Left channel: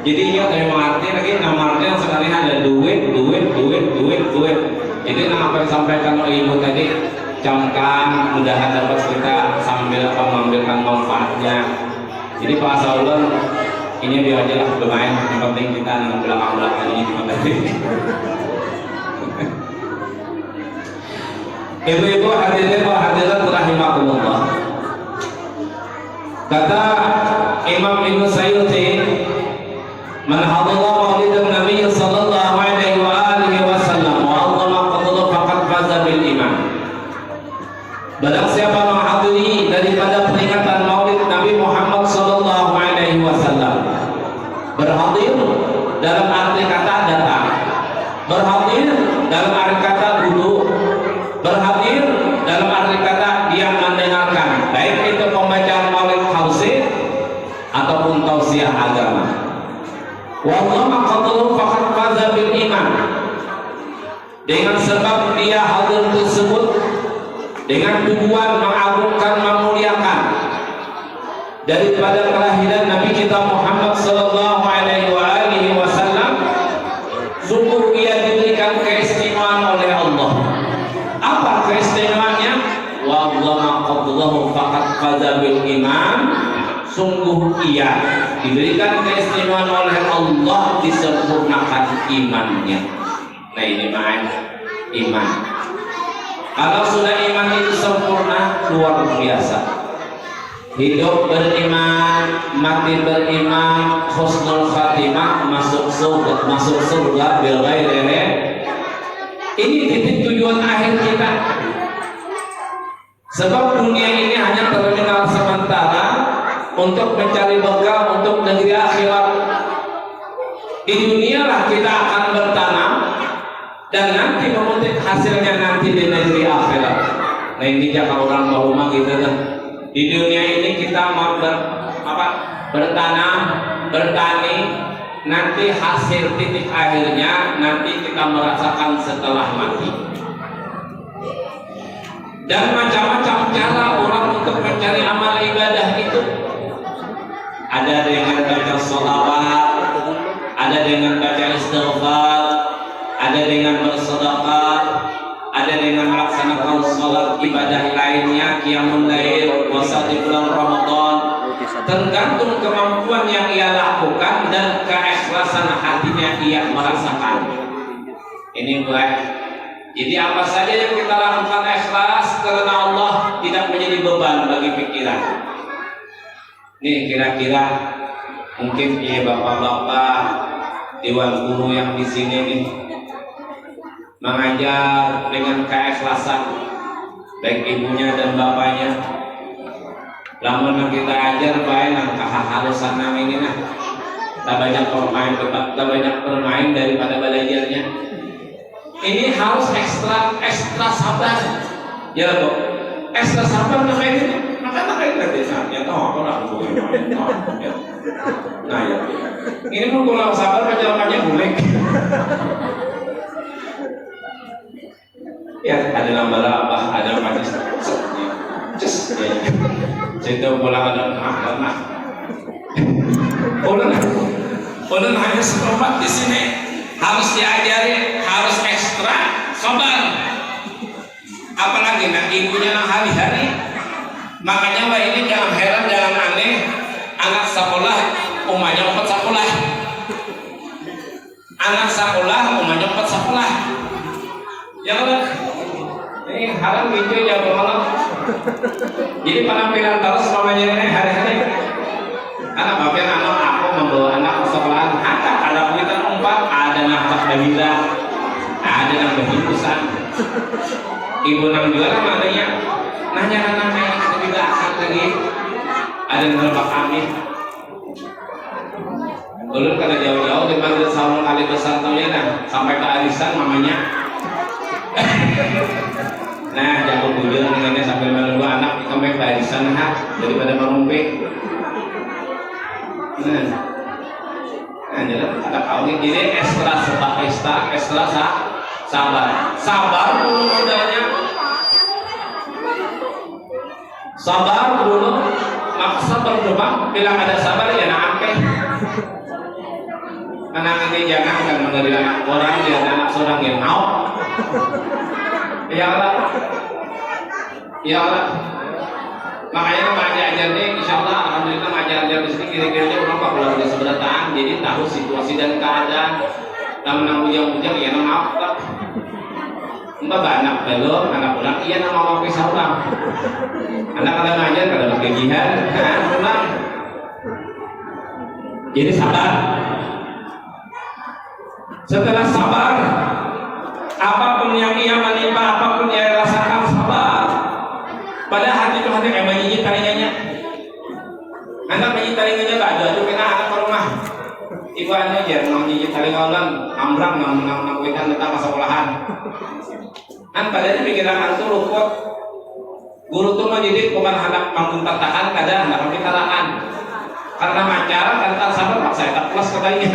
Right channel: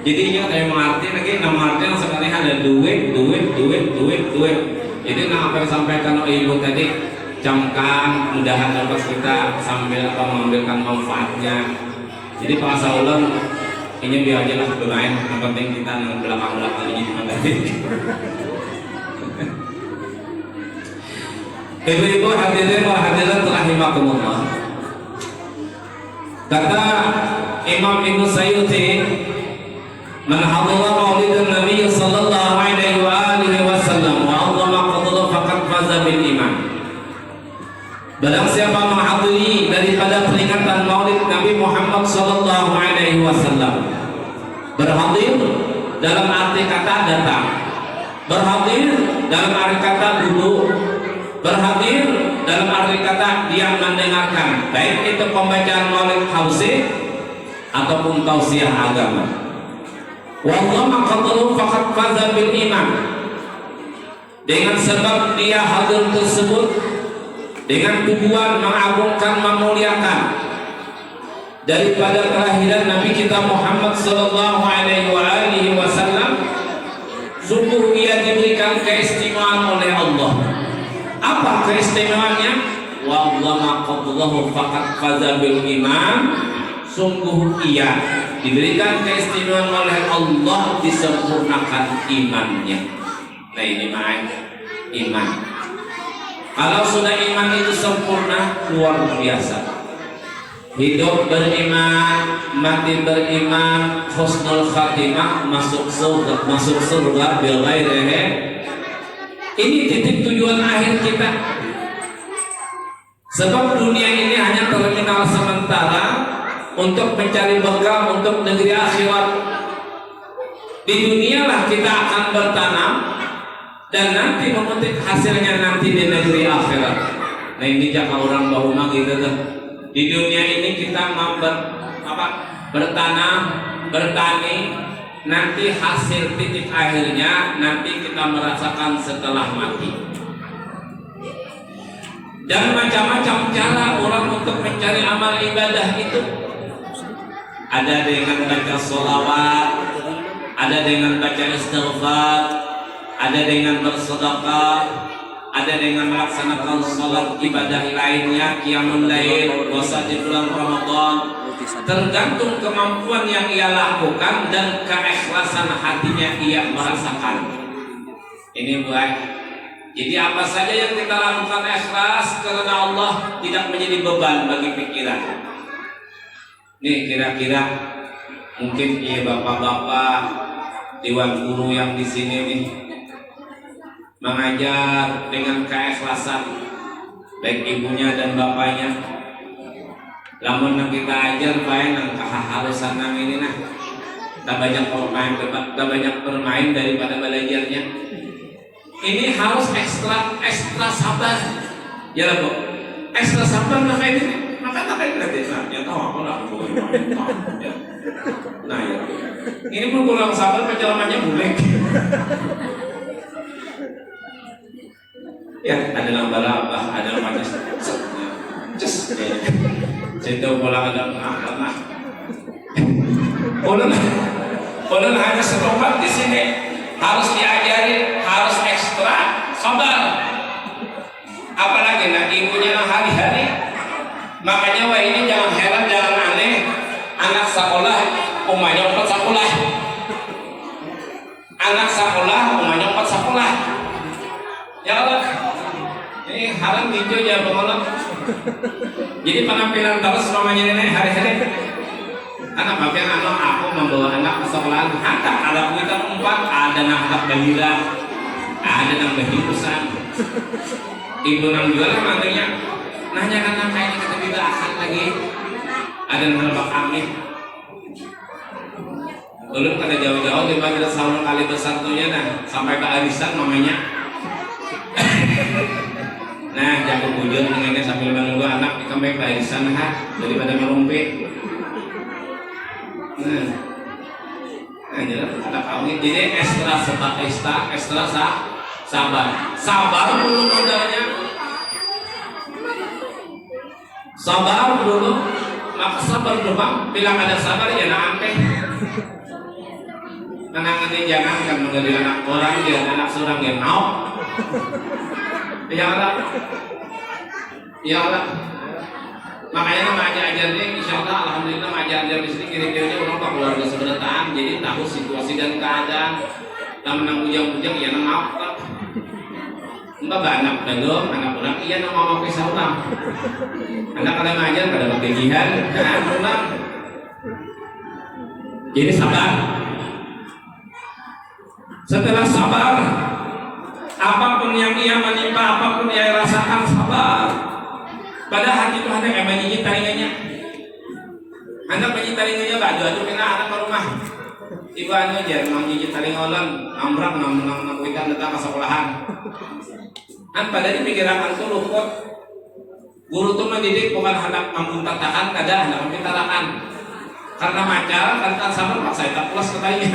Jadinya kayak mengerti lagi nama arti yang sekali ada duit. Jadi apa yang sampaikan oleh ibu tadi, camkan mudahan dapat kita sambil mengambilkan manfaatnya. Jadi bahasa ulun ini biar aja lah lumayan, yang penting kita nang belakang ini cuma tadi. Ibu-ibu hadirin wa hadirat rahimakumullah. Kata Imam Ibnu Sayyuti, man hadalla maulidan Nabi sallallahu alaihi wa alihi wasallam wa Allah qadallahu faqad faza bil iman. Barang siapa menghadiri daripada peringatan maulid Nabi Muhammad sallallahu alaihi wasallam, berhadir dalam arti kata datang, berhadir dalam arti kata duduk, berhadir dalam arti kata dia mendengarkan, baik itu pembacaan maulid khusus ataupun tausiah agama. Wallahu qadallahu faqad faza bil iman. Dengan sebab dia hadir tersebut dengan tujuan mengagungkan, memuliakan daripada kelahiran Nabi kita Muhammad sallallahu alaihi wasallam, sungguh ia diberikan keistimewaan oleh Allah. Apa keistimewaannya? Wallahu qadallahu faqad faza bil iman. Sungguh ia diberikan keistimewaan oleh Allah, disempurnakan imannya. Nah ini makanya iman. Kalau sudah iman itu sempurna, luar biasa. Hidup beriman, mati beriman, husnul khatimah, masuk surga bil ghairi. Ini titik tujuan akhir kita. Sebab dunia ini hanya terkenal sementara untuk mencari bekal untuk negeri akhirat. Di dunia lah kita akan bertanam dan nanti memetik hasilnya nanti di negeri akhirat. Nah ini jangan orang bahuma gitu kan. Di dunia ini kita mau bertanam, bertani, nanti hasil titik akhirnya nanti kita merasakan setelah mati. Dan macam-macam cara orang untuk mencari amal ibadah itu. Ada dengan baca sholawat, ada dengan baca istighfar, ada dengan bersedekah, ada dengan melaksanakan sholat ibadah lainnya, qiyamul lail, puasa di bulan Ramadan. Tergantung kemampuan yang ia lakukan dan keikhlasan hatinya ia merasakan. Ini buat. Jadi apa saja yang kita lakukan ikhlas karena Allah, tidak menjadi beban bagi pikiran. Nih kira-kira mungkin bapak-bapak dewan guru yang di sini nih mengajar dengan keikhlasan, baik ibunya dan bapaknya. Lamun kita ajar baik nang keharusan nang ini nah, tak banyak bermain daripada belajarnya. Ini harus ekstra sabar, ya bu, ekstra sabar namanya ini. Makanya ya tahu aku lah bu. Nah ya, ini pun kurang sabar jawabannya bulik. Ya ada laba-laba, ada manis, just ya. Cinta bola ada apa? Ulun hanya seperempat di sini. Harus diajari, harus ekstra sabar. Apalagi nak ibunya nak hari-hari. Makanya wah ini jangan heran, jangan aneh. Anak sekolah, umahnya 4 sekolah. Anak sekolah, umahnya 4 sekolah. Ya Allah. Ini harus gitu ya pengelola. Jadi penampilan terus namanya ini hari-hari. Karena bapak anak aku membawa anak ke sekolah, ada kuitan 4, ada nafkah bahira, ada yang bahikusan. Ibu nang jualan mandinya, nanya anaknya kita tidak akan lagi, ada yang merebak kami. Ulun kada jauh-jauh di Madrasah Salman kali bersatunya nah sampai ke arisan namanya. Nah jago bujur nengnya sambil menunggu anak sampai ke arisan nah daripada merumpi. Nah, ada kawin jadi ekstra sabar dulu bedanya, sabar dulu, maksa berdoa bilang ada sabar ya nak ampe. menangani jangan kan menjadi anak orang dia anak seorang yang mau. Ya Allah. Ya Allah. Makanya nama ajarnya insya Allah alhamdulillah ajar-ajar di sini kira-kiranya orang pak keluarga seberataan jadi tahu situasi dan keadaan dan menang ujang-ujang ya nama apa mbak anak belum anak ulang iya nama mau pisah ulang anak ada ngajar kada bergajian ulang jadi sabar setelah sabar apapun yang ia menimpa apapun yang ia rasakan sabar pada hati Tuhan yang menjijit taringannya anak menjijit taringannya gak ada itu kena anak ke rumah ibu anu aja menjijit taringan ambrang mengkuitan tentang sekolahan kan pada dipikiran itu luput guru tuh mendidik bukan anak mampu tahan kadang anak pintaraan karena macar kan sabar paksa tak plus katanya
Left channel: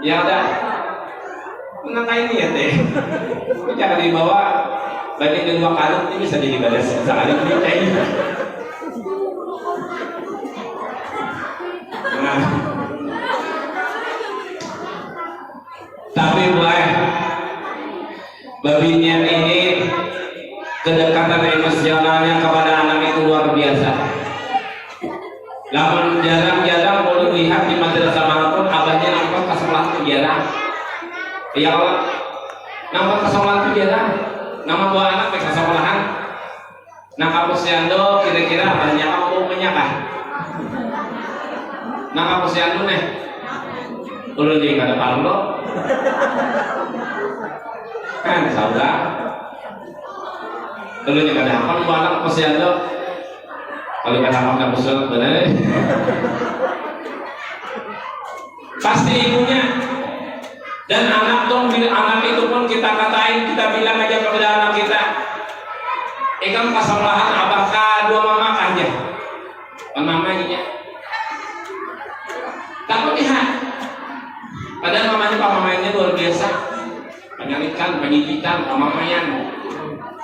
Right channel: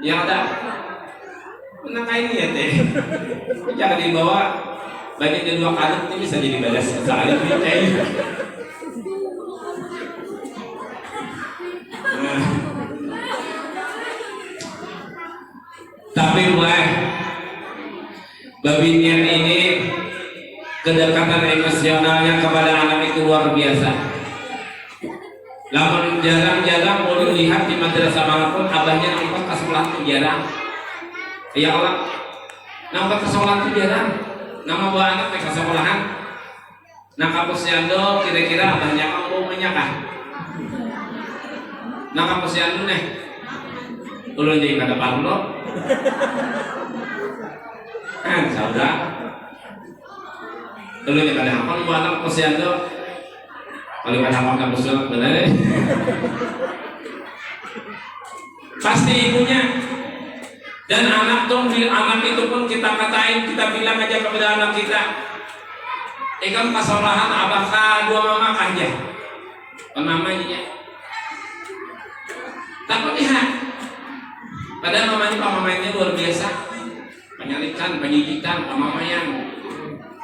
ya ada menang ini ya teh jangan dibawa bagian dari dua kali ini bisa jadi balas salah dia kayaknya nah. Tapi mulai babinnya ini kedekatan emosionalnya kepada anak itu luar biasa. Namun jarang-jarang boleh lihat di madrasah manapun abahnya nampak ke sekolah itu jarang. Ya Allah, nampak ke sekolah itu jarang. Nama buah anak ke sekolahan. Nah kapusiando kira-kira abahnya apa mau menyakah? Nah kapusiando nih, ulun dia kada parlo. Kan saudara. Ulun dia kada apa buah anak kapusiando. Kalau kada apa kapusiando benar. Pasti ibunya. Dan anak itu pun kita katain, kita bilang aja kepada anak kita, ikan kesalahan apakah dua mama aja, mamanya, takut lihat. Padahal mamanya luar biasa, penyalikan, pendidikan, mamanya.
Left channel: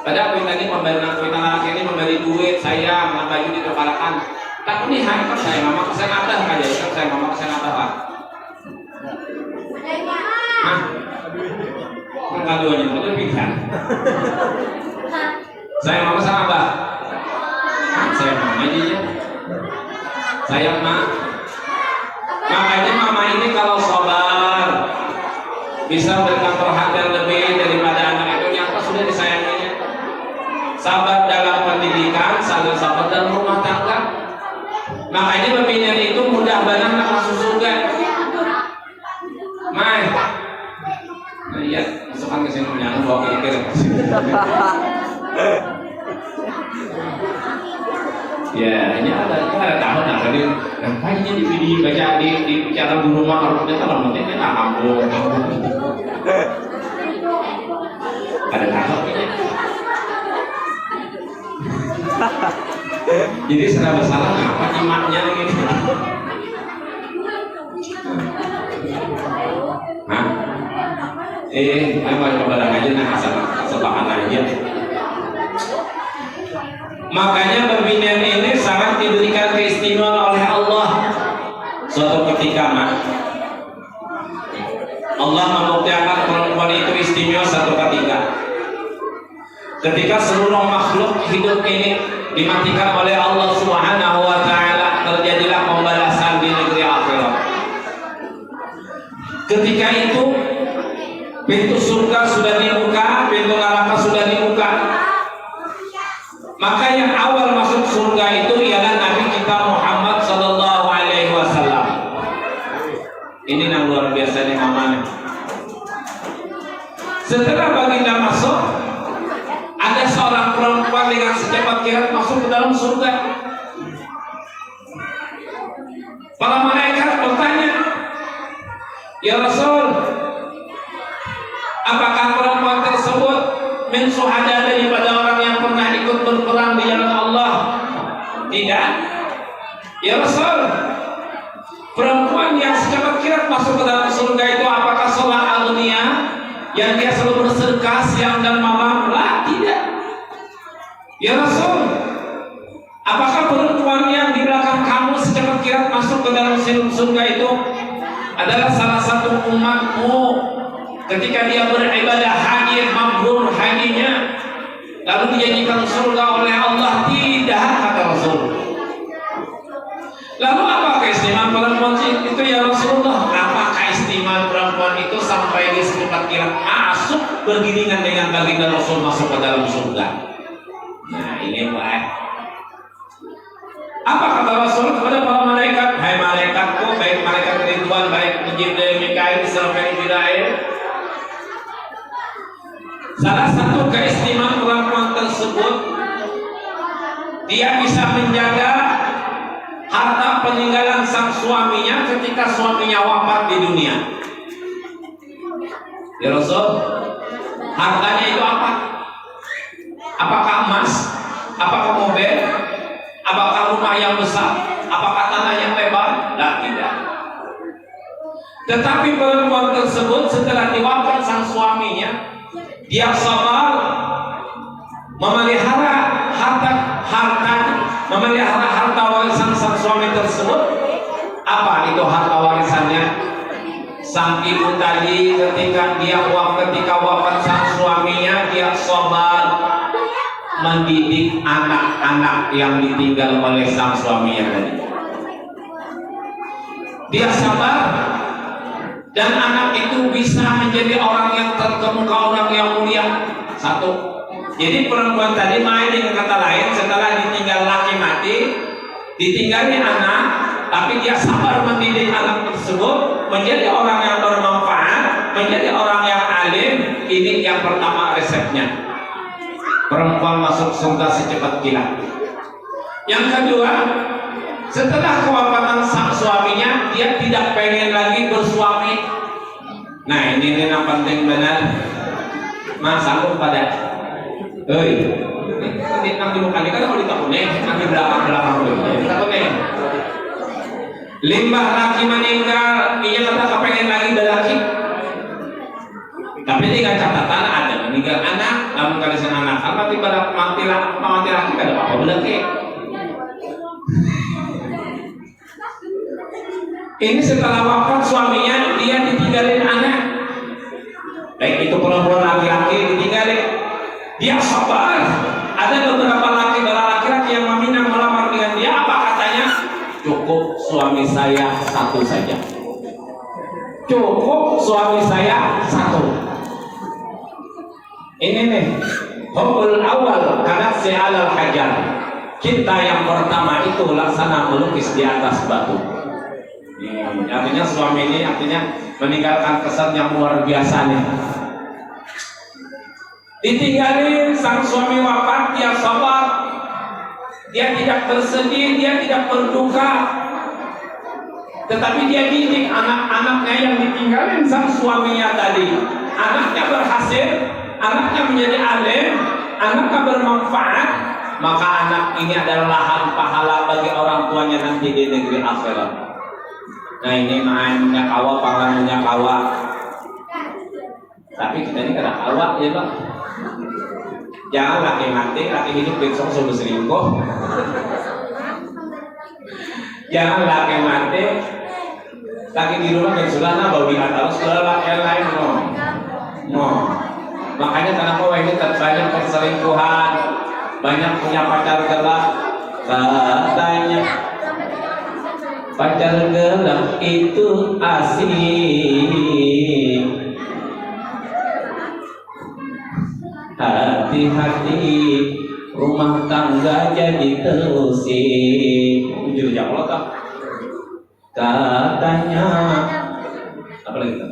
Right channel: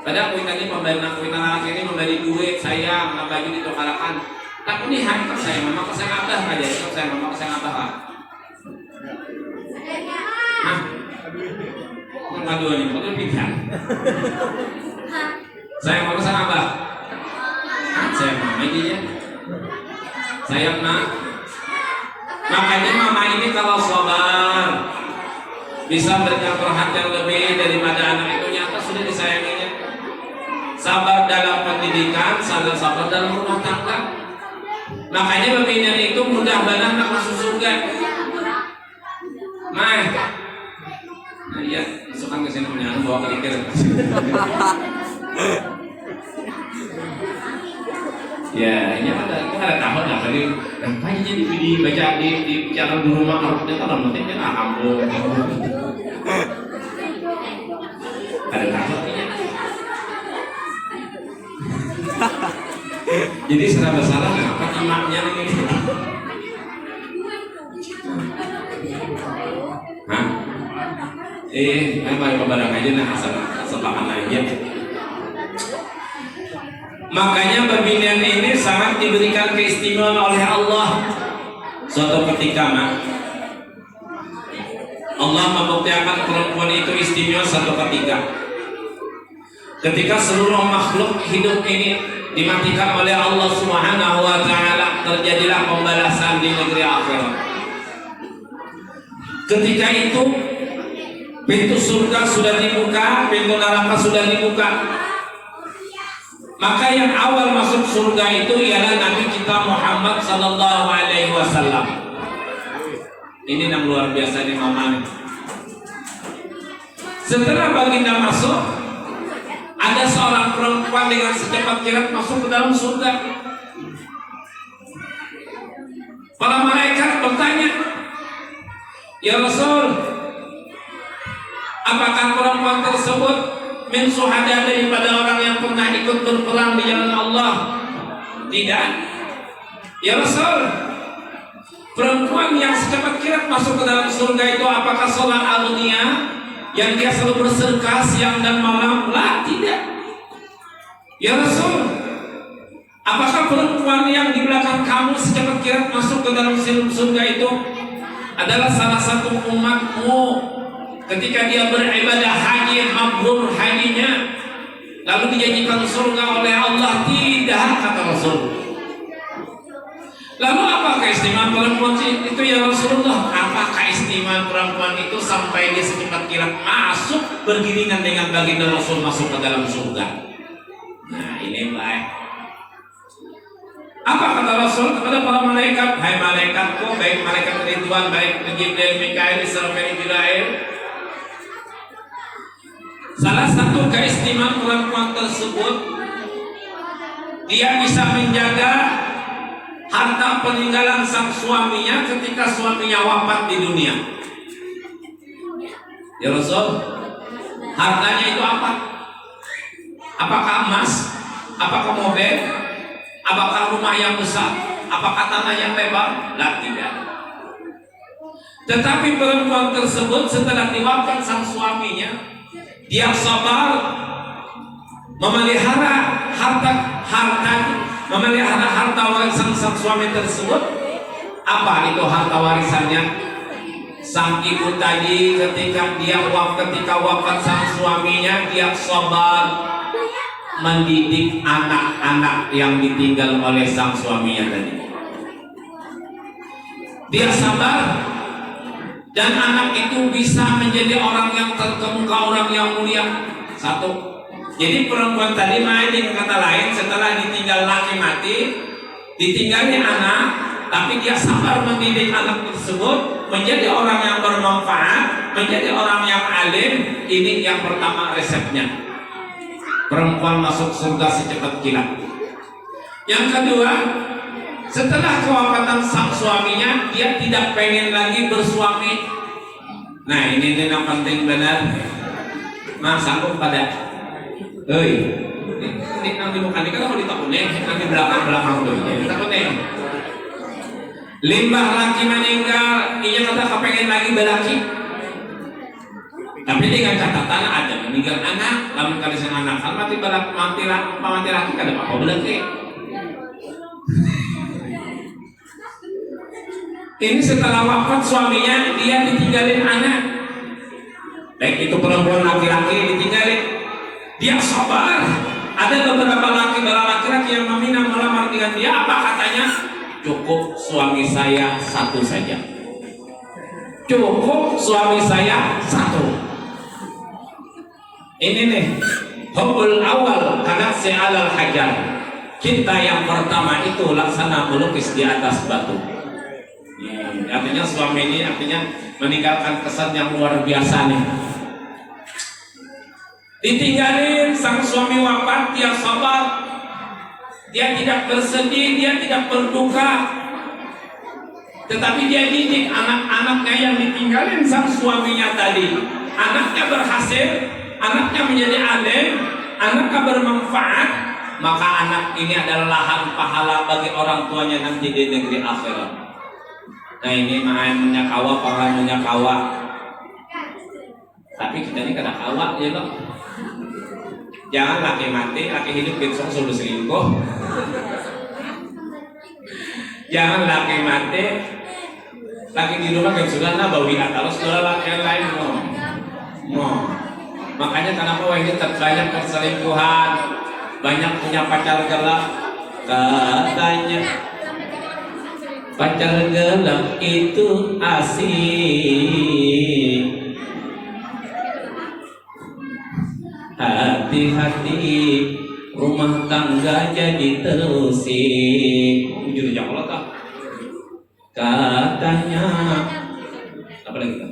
Padahal kui tadi memberi anak ini memberi duit, saya baju diperkarakan. Takut lihat, kan saya mama kesana atas aja, kan saya mama kesana atas. Ngaduannya mau lebihkan. Saya mau kesana apa? Saya mama aja. Saya mah. Makanya mama ini kalau sabar bisa berikan perhatian lebih daripada anak itu nyata sudah disayanginya. Sabar dalam pendidikan, sabar dalam rumah tangga. Makanya pembinaan itu mudah banget masuk surga. Mai. Iya, masukkan ke sini punya bawa kira-kira. Ya, ini ada tahun lah tadi. Kampanye dibaca di cara di rumah kalau ternyata mungkin dia kampung. Ada tahun ini. Jadi sudah bersalah apa imannya ini? Hah? Pada kebarang aja nih sepakan aja. Makanya pembinaan ini sangat diberikan keistimewaan oleh Allah. Suatu ketika Allah membuktikan perempuan itu istimewa satu ketika seluruh makhluk hidup ini dimatikan oleh Allah Subhanahu wa taala, terjadilah pembalasan di negeri akhirat. Ketika itu pintu surga sudah dibuka, pintu neraka sudah dibuka. Maka yang awal masuk surga itu ialah Nabi kita Muhammad sallallahu alaihi wasallam. Ini yang luar biasa nih mamanya. Setelah baginda masuk, ada seorang perempuan dengan secepat kilat masuk ke dalam surga. Para malaikat bertanya, "Ya Rasul, apakah perempuan tersebut min syuhada daripada orang yang pernah ikut berperang di jalan Allah?" Tidak. "Ya Rasul, perempuan yang secepat kilat masuk ke dalam surga itu apakah seorang agnia yang dia selalu bersedekah siang dan malam?" Lah, tidak. "Ya Rasul, apakah perempuan yang di belakang kamu secepat kilat masuk ke dalam surga itu adalah salah satu umatmu ketika dia beribadah haji mabrur hajinya lalu dijadikan surga oleh Allah. Tidak, kata Rasul. Lalu apa keistimewaan perempuan itu ya Rasulullah? Apa keistimewaan perempuan itu sampai dia secepat kilat masuk bergiringan dengan baginda Rasul masuk ke dalam surga? Nah ini baik. Apa kata Rasul kepada para malaikat? Hai malaikatku, baik malaikat Ridwan, baik Jibril, Mikail, Israfil, Jibril. Salah satu keistimewaan perempuan tersebut, dia bisa menjaga harta peninggalan sang suaminya ketika suaminya wafat di dunia. Ya Rasul, hartanya itu apa? Apakah emas? Apakah mobil? Apakah rumah yang besar? Apakah tanah yang lebar? Tidak. Tetapi perempuan tersebut setelah diwafat sang suaminya, dia sabar memelihara harta warisan sang suami tersebut. Apa itu harta warisannya? Sang ibu tadi ketika wafat sang suaminya, dia sabar mendidik anak-anak yang ditinggal oleh sang suaminya tadi. Dia sabar dan anak itu bisa menjadi orang yang terkemuka, orang yang mulia. Satu. Jadi perempuan tadi main dengan kata lain, setelah ditinggal laki mati, ditinggalin anak, tapi dia sabar mendidik anak tersebut menjadi orang yang bermanfaat, menjadi orang yang alim. Ini yang pertama resepnya. Perempuan masuk surga secepat kilat. Yang kedua, setelah kewafatan sang suaminya, dia tidak pengen lagi bersuami. Nah ini yang penting benar. Mas sanggup pada ini nanti bukan ini kan kalau ditakutin nanti belakang dulu ya ditakutin. Limbah laki meninggal, ia kata kepengen lagi laki. Tapi dengan catatan ada meninggal anak, lamun kalisan anak, mati laki kada apa belaki. Ini setelah wafat suaminya, dia ditinggalin anak. Baik itu perempuan laki-laki ditinggalin, dia sabar. Ada beberapa laki-laki yang meminang melamar dengan dia, apa katanya? Cukup suami saya satu saja. Cukup suami saya satu. Ini nih, hubbul awal karena se'alal hajar. Cinta yang pertama itu laksana melukis di atas batu. Artinya suami ini meninggalkan kesan yang luar biasa nih. Ditinggalin sang suami wafat, dia sabar, dia tidak bersedih, dia tidak berduka, tetapi dia didik anak-anaknya yang ditinggalin sang suaminya tadi. Anaknya berhasil, anaknya menjadi alim, anaknya bermanfaat, maka anak ini adalah lahan pahala bagi orang tuanya nanti di negeri akhirat. Nah ini mainnya kawa, panggilannya kawa. Tapi kita ini kada kawa ya bang. Jangan laki mati, laki hidup besok suruh selingkuh. Jangan laki mati, laki di rumah yang sudah bawi harus ke laki lain no. Makanya kenapa ini banyak perselingkuhan, banyak punya pacar gelap. Katanya pacar gelap itu asik. Hati-hati rumah tangga jadi terusik. Jujur ya Allah tak. Katanya apa lagi tak?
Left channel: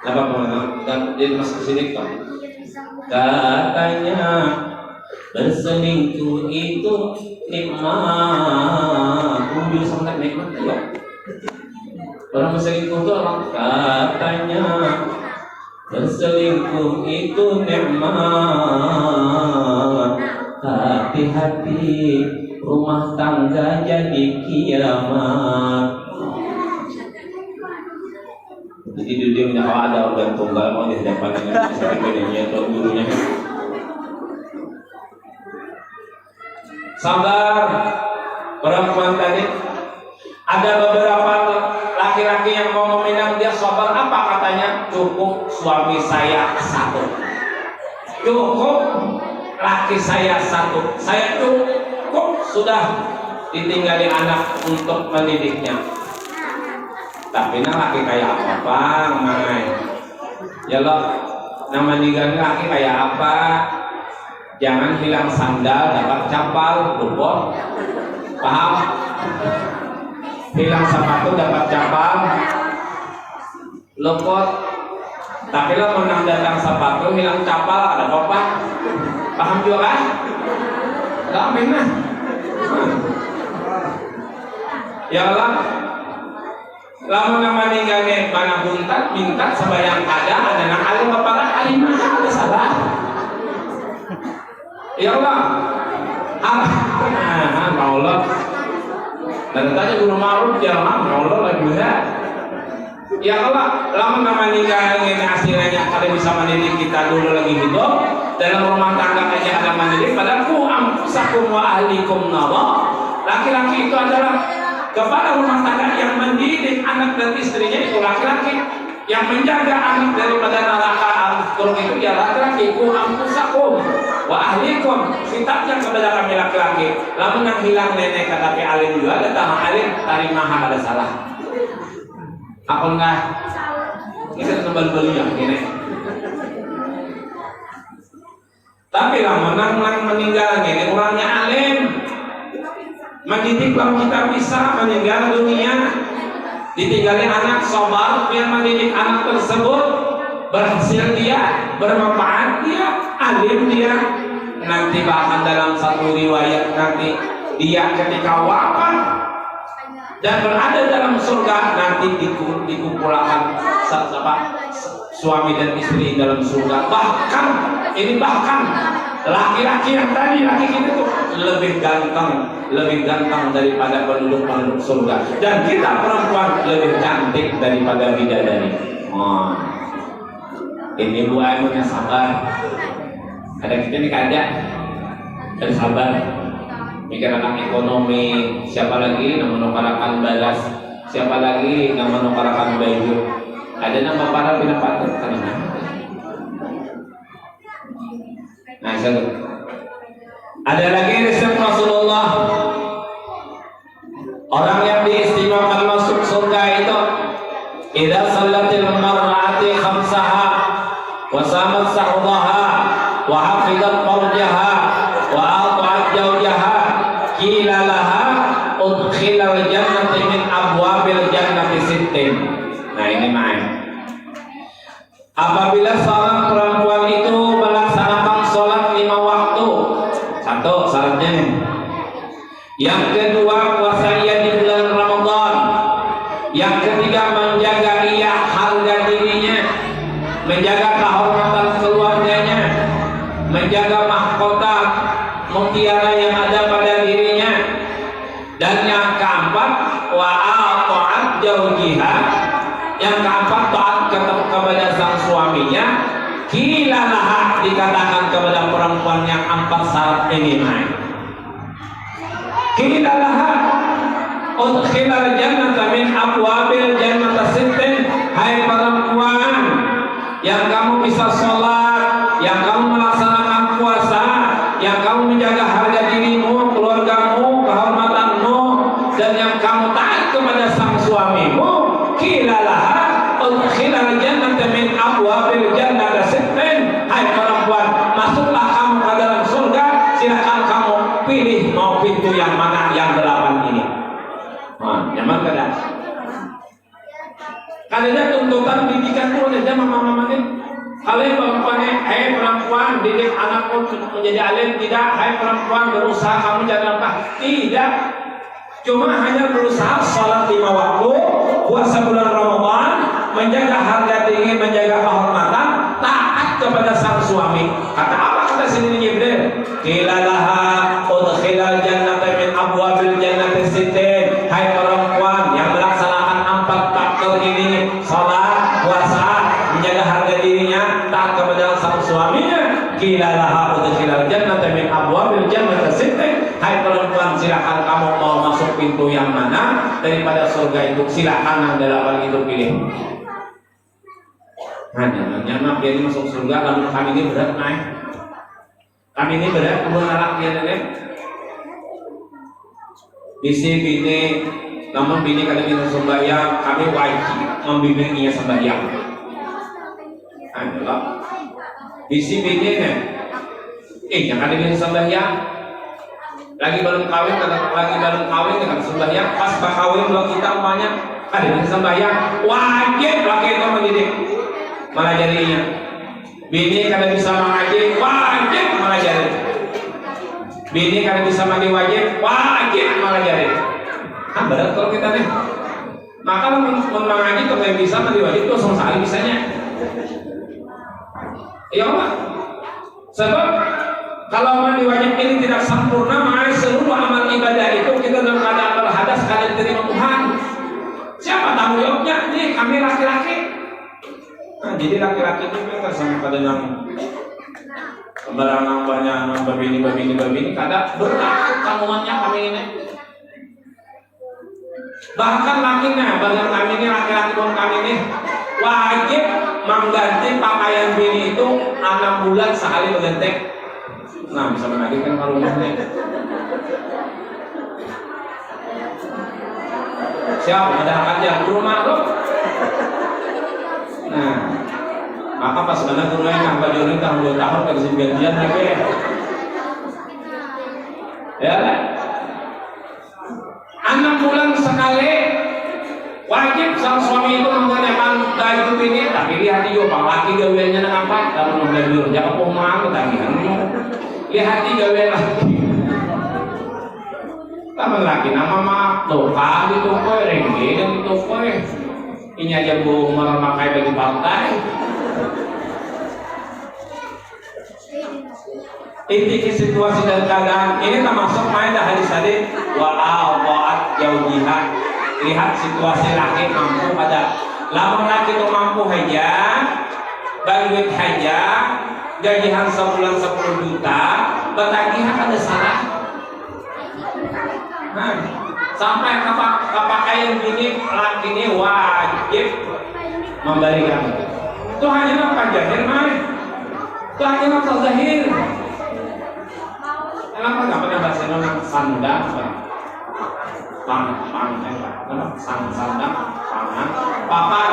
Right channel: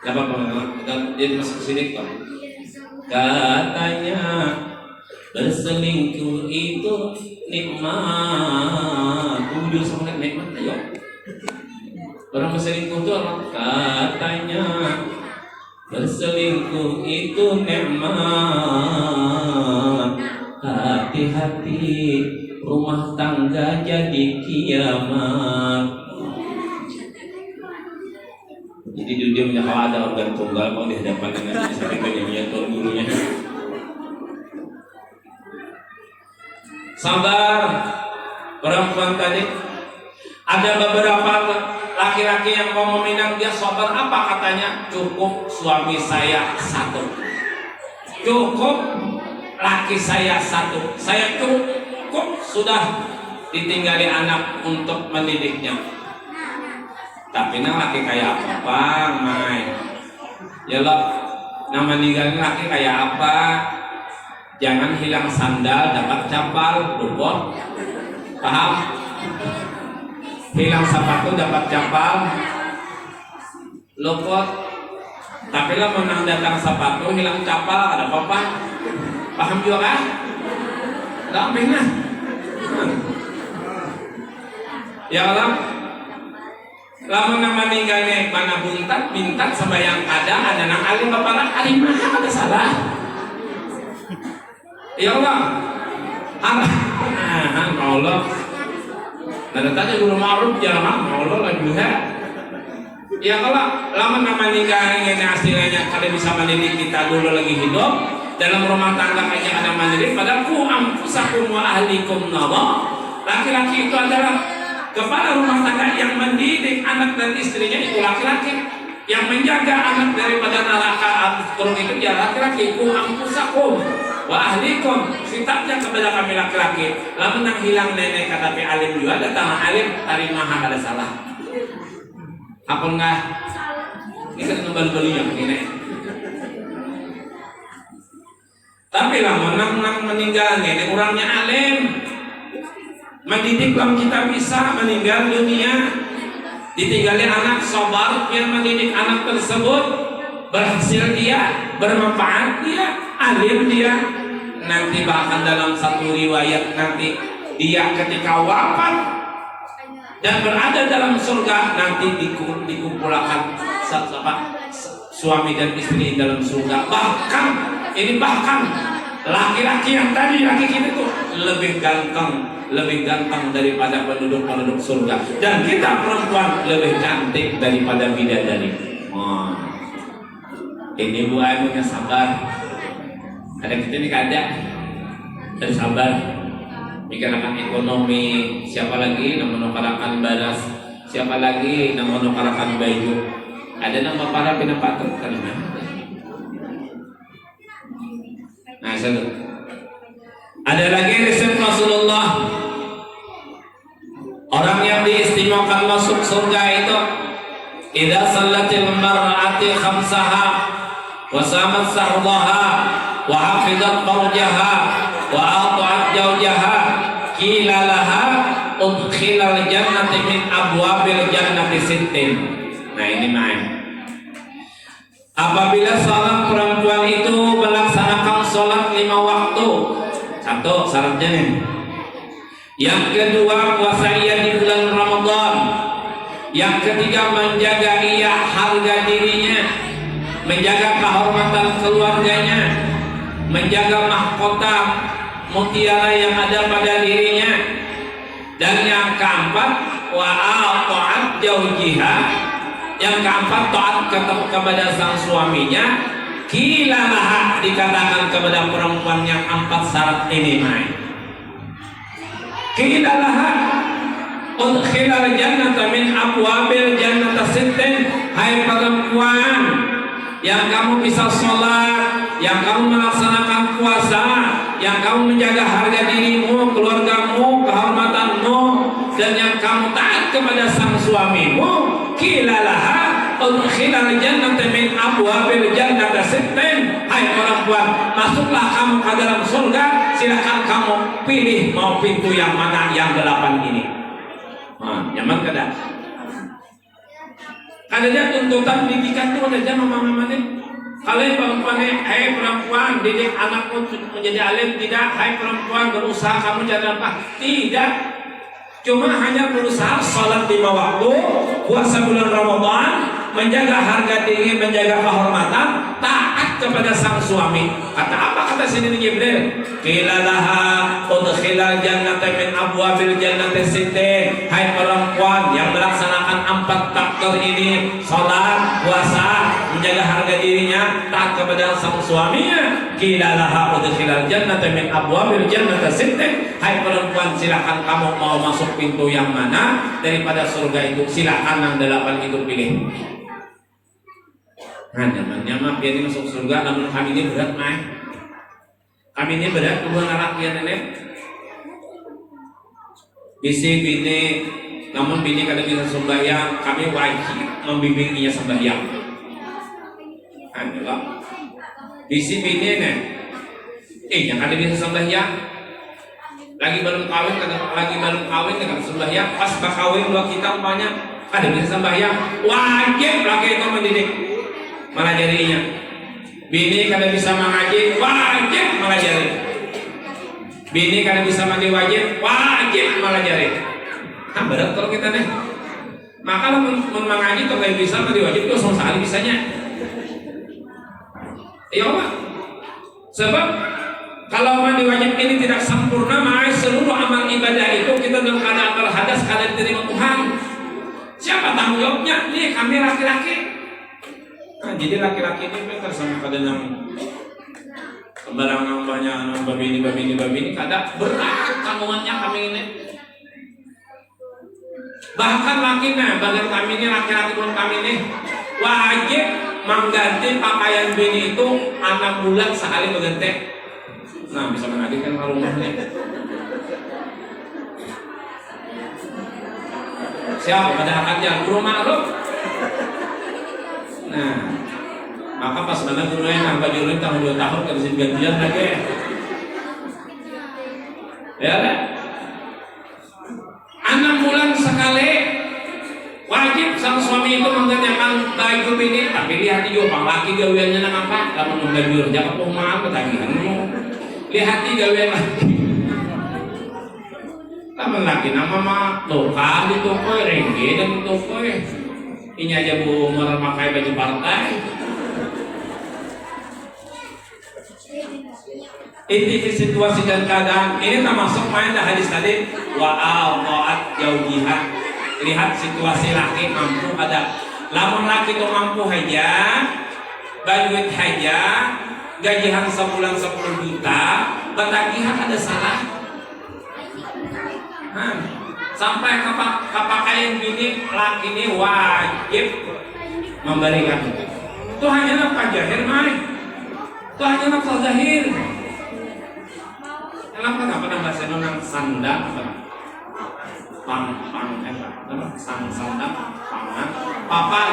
Apa dan dia masuk ke sini kok? Katanya berselingkuh itu nikmat. Jujur sangat nikmat ya. Orang berselingkuh itu orang katanya berselingkuh itu nikmat. Hati-hati rumah tangga jadi kiamat. Jadi dia punya kalau ada organ tunggal mau dihadapkan dengan seperti penyanyi atau gurunya. Sabar perempuan tadi Ada beberapa laki-laki yang mau meminang dia sabar, apa katanya? Cukup suami saya satu. Cukup laki saya satu. Saya cukup sudah ditinggali anak untuk mendidiknya. Tapi nah laki kayak apa bang, Mai? Ya lo, nama ninggalin laki kayak apa? Jangan hilang sandal dapat capal, luput. Paham? Hilang sepatu dapat capal, luput. Tapi lo menang datang sepatu hilang capal ada apa? Paham juga kan? Ada apa ini? Ya Allah, lamun nama ninggalnya mana buntat sebayang ada nak alim kepala alim ada salah. Ya Allah, Allah. Dan tadi guru ma'ruf jangan Allah lagi ya Allah, lamun nama ninggalnya ini hasilnya kalian bisa mendidik kita dulu lagi hidup dalam rumah tangga aja ada mendidik. Padahal ku amfusakum wa ahlikum nara. Laki-laki itu adalah kepala rumah tangga yang mendidik anak dan istrinya itu laki-laki. Yang menjaga anak daripada neraka terus itu dia laki-laki. Ku amfusakum wa ahlikum, sifatnya kepada kami laki-laki. Lamun nak hilang nenek kata alim juga ada tanah alim tarima ada salah. Apa enggak? Ini kan nembal-beli yang ini. Tapi lamun nak meninggal ini orangnya alim. Mendidik kalau kita bisa meninggal dunia, ditinggalin anak sabar biar mendidik anak tersebut berhasil dia, bermanfaat dia, alim dia. Nanti bahkan dalam satu riwayat nanti dia ketika wafat dan berada dalam surga nanti dikumpulkan suami dan istri dalam surga. Bahkan laki-laki yang tadi laki kita tuh lebih ganteng daripada penduduk surga, dan kita perempuan lebih cantik daripada bidadari. Ini Bu Aimunnya sabar. Ada kita nih ada sabar. Mikirkan ekonomi, siapa lagi yang menukarakan balas, siapa lagi yang menukarakan baju. Ada nama para pinapatu kan? Nah, ada lagi resep Rasulullah. Orang yang diistimewakan masuk surga itu idza sallatil mar'ati khamsaha wa samat sahdaha wa hafizat farjaha wa ata'at zawjaha qila laha udkhilal jannati min abwabil jannati sittin. Nah ini mah. Apabila seorang perempuan itu melaksanakan sholat 5 waktu, satu syaratnya nih. Yang kedua puasa ia di bulan Ramadan. Yang ketiga menjaga ia harga dirinya, menjaga kehormatan keluarganya, menjaga mahkota mutiara yang ada pada dirinya. Dan yang keempat wa'a'at jaujiha. Yang keempat taat kepada sang suaminya. Kilalah dikatakan kepada perempuan yang 4 syarat ini naik. Kilalah udkhilal jannata min abwabil jannata sittin. Hai perempuan yang kamu bisa sholat, yang kamu melaksanakan puasa, yang kamu menjaga harga dirimu, keluargamu, kehormatanmu, dan yang kamu taat kepada sang suamimu. Kilalah udkhilal jannata min abwabil jannata sittin. Hai perempuan, masuklah kamu ke dalam surga. Silakan kamu pilih mau pintu yang mana, yang 8 ini. Nyaman kada? Kada dia tuntutan didikan tuh aja mama-mama ini. Kalian perempuan, hai perempuan didik anakmu menjadi alim. Tidak, hai perempuan berusaha kamu jangan apa. Tidak, cuma hanya berusaha sholat 5 waktu, puasa bulan Ramadan, menjaga harga diri, menjaga kehormatan, taat kepada sang suami. Kata apa kata sini Jibril? Qilalaha udkhilal jannata min abwabil jannati sittin. Hai perempuan yang melaksanakan 4 faktor ini, salat, puasa, menjaga harga dirinya, taat kepada sang suaminya. Qilalaha udkhilal jannata min abwabil jannati sittin. Hai perempuan, silakan kamu mau masuk masuk pintu yang mana daripada surga itu, silakan yang 8 itu pilih. Nyaman biar masuk surga, namun kami ini berat naik. Kami ini berat dua anak yang ini. Bisi bini, namun bini kadang kita sembahyang, kami wajib membimbing ia sembahyang. Adalah bisi bini nih, jangan ada bisa sembahyang. Lagi baru kawin dengan sembahyang, pas kawin dua kita semuanya ada bisa sembahyang, wajib laki itu mendidik. Malah jadinya bini kalau bisa mengaji wajib malah jadi, bini kalau bisa mandi wajib malah jadi. Berat kalau kita nih, maka mengaji kalau bisa mandi wajib itu sama sekali bisanya. Iya Pak, sebab kalau mandi wajib ini tidak sempurna, maka seluruh amal ibadah itu kita dalam keadaan berhadas, keadaan diterima Tuhan. Siapa tanggung jawabnya? Nih kami laki-laki. Nah, jadi laki-laki ini kan sama pada nami sembarangan banyak begini kadang bertakut kandungannya kami ini. Bahkan lakinya bagian kami ini laki-laki pun kami ini wajib mengganti pakaian bini itu 6 bulan sekali berganti. Nah bisa mengagetkan ke rumahnya. Siapa pada akadnya guru maklum. Nah, maka pas mana gurunya nambah jodoh tahun 2 tahun ke sini gantian lagi. Ya kan? 6 bulan sekali wajib sang suami itu mengenakan baju bini, tapi lihat juga bang laki gawiannya apa? Kamu mau belajar jangan pohon tadi. Lihat gawian laki. Kamu laki nama mah tuh kali tuh koi rengge dan tuh koi. Ini aja bu memakai baju pantai. Inti situasi dan keadaan ini termasuk main dah hadis tadi wa'at jauhiha. Lihat situasi laki mampu pada lamun laki itu mampu haja baduit haja gajian sebulan 10 juta betagihan ada salah. Sampai pakaian gini laki ini wajib memberikan. Itu hanya nafkah zahir mai. Itu hanya nafkah zahir. Kenapa nggak pernah bahasa nama sandang? Sandang, pangan, papan.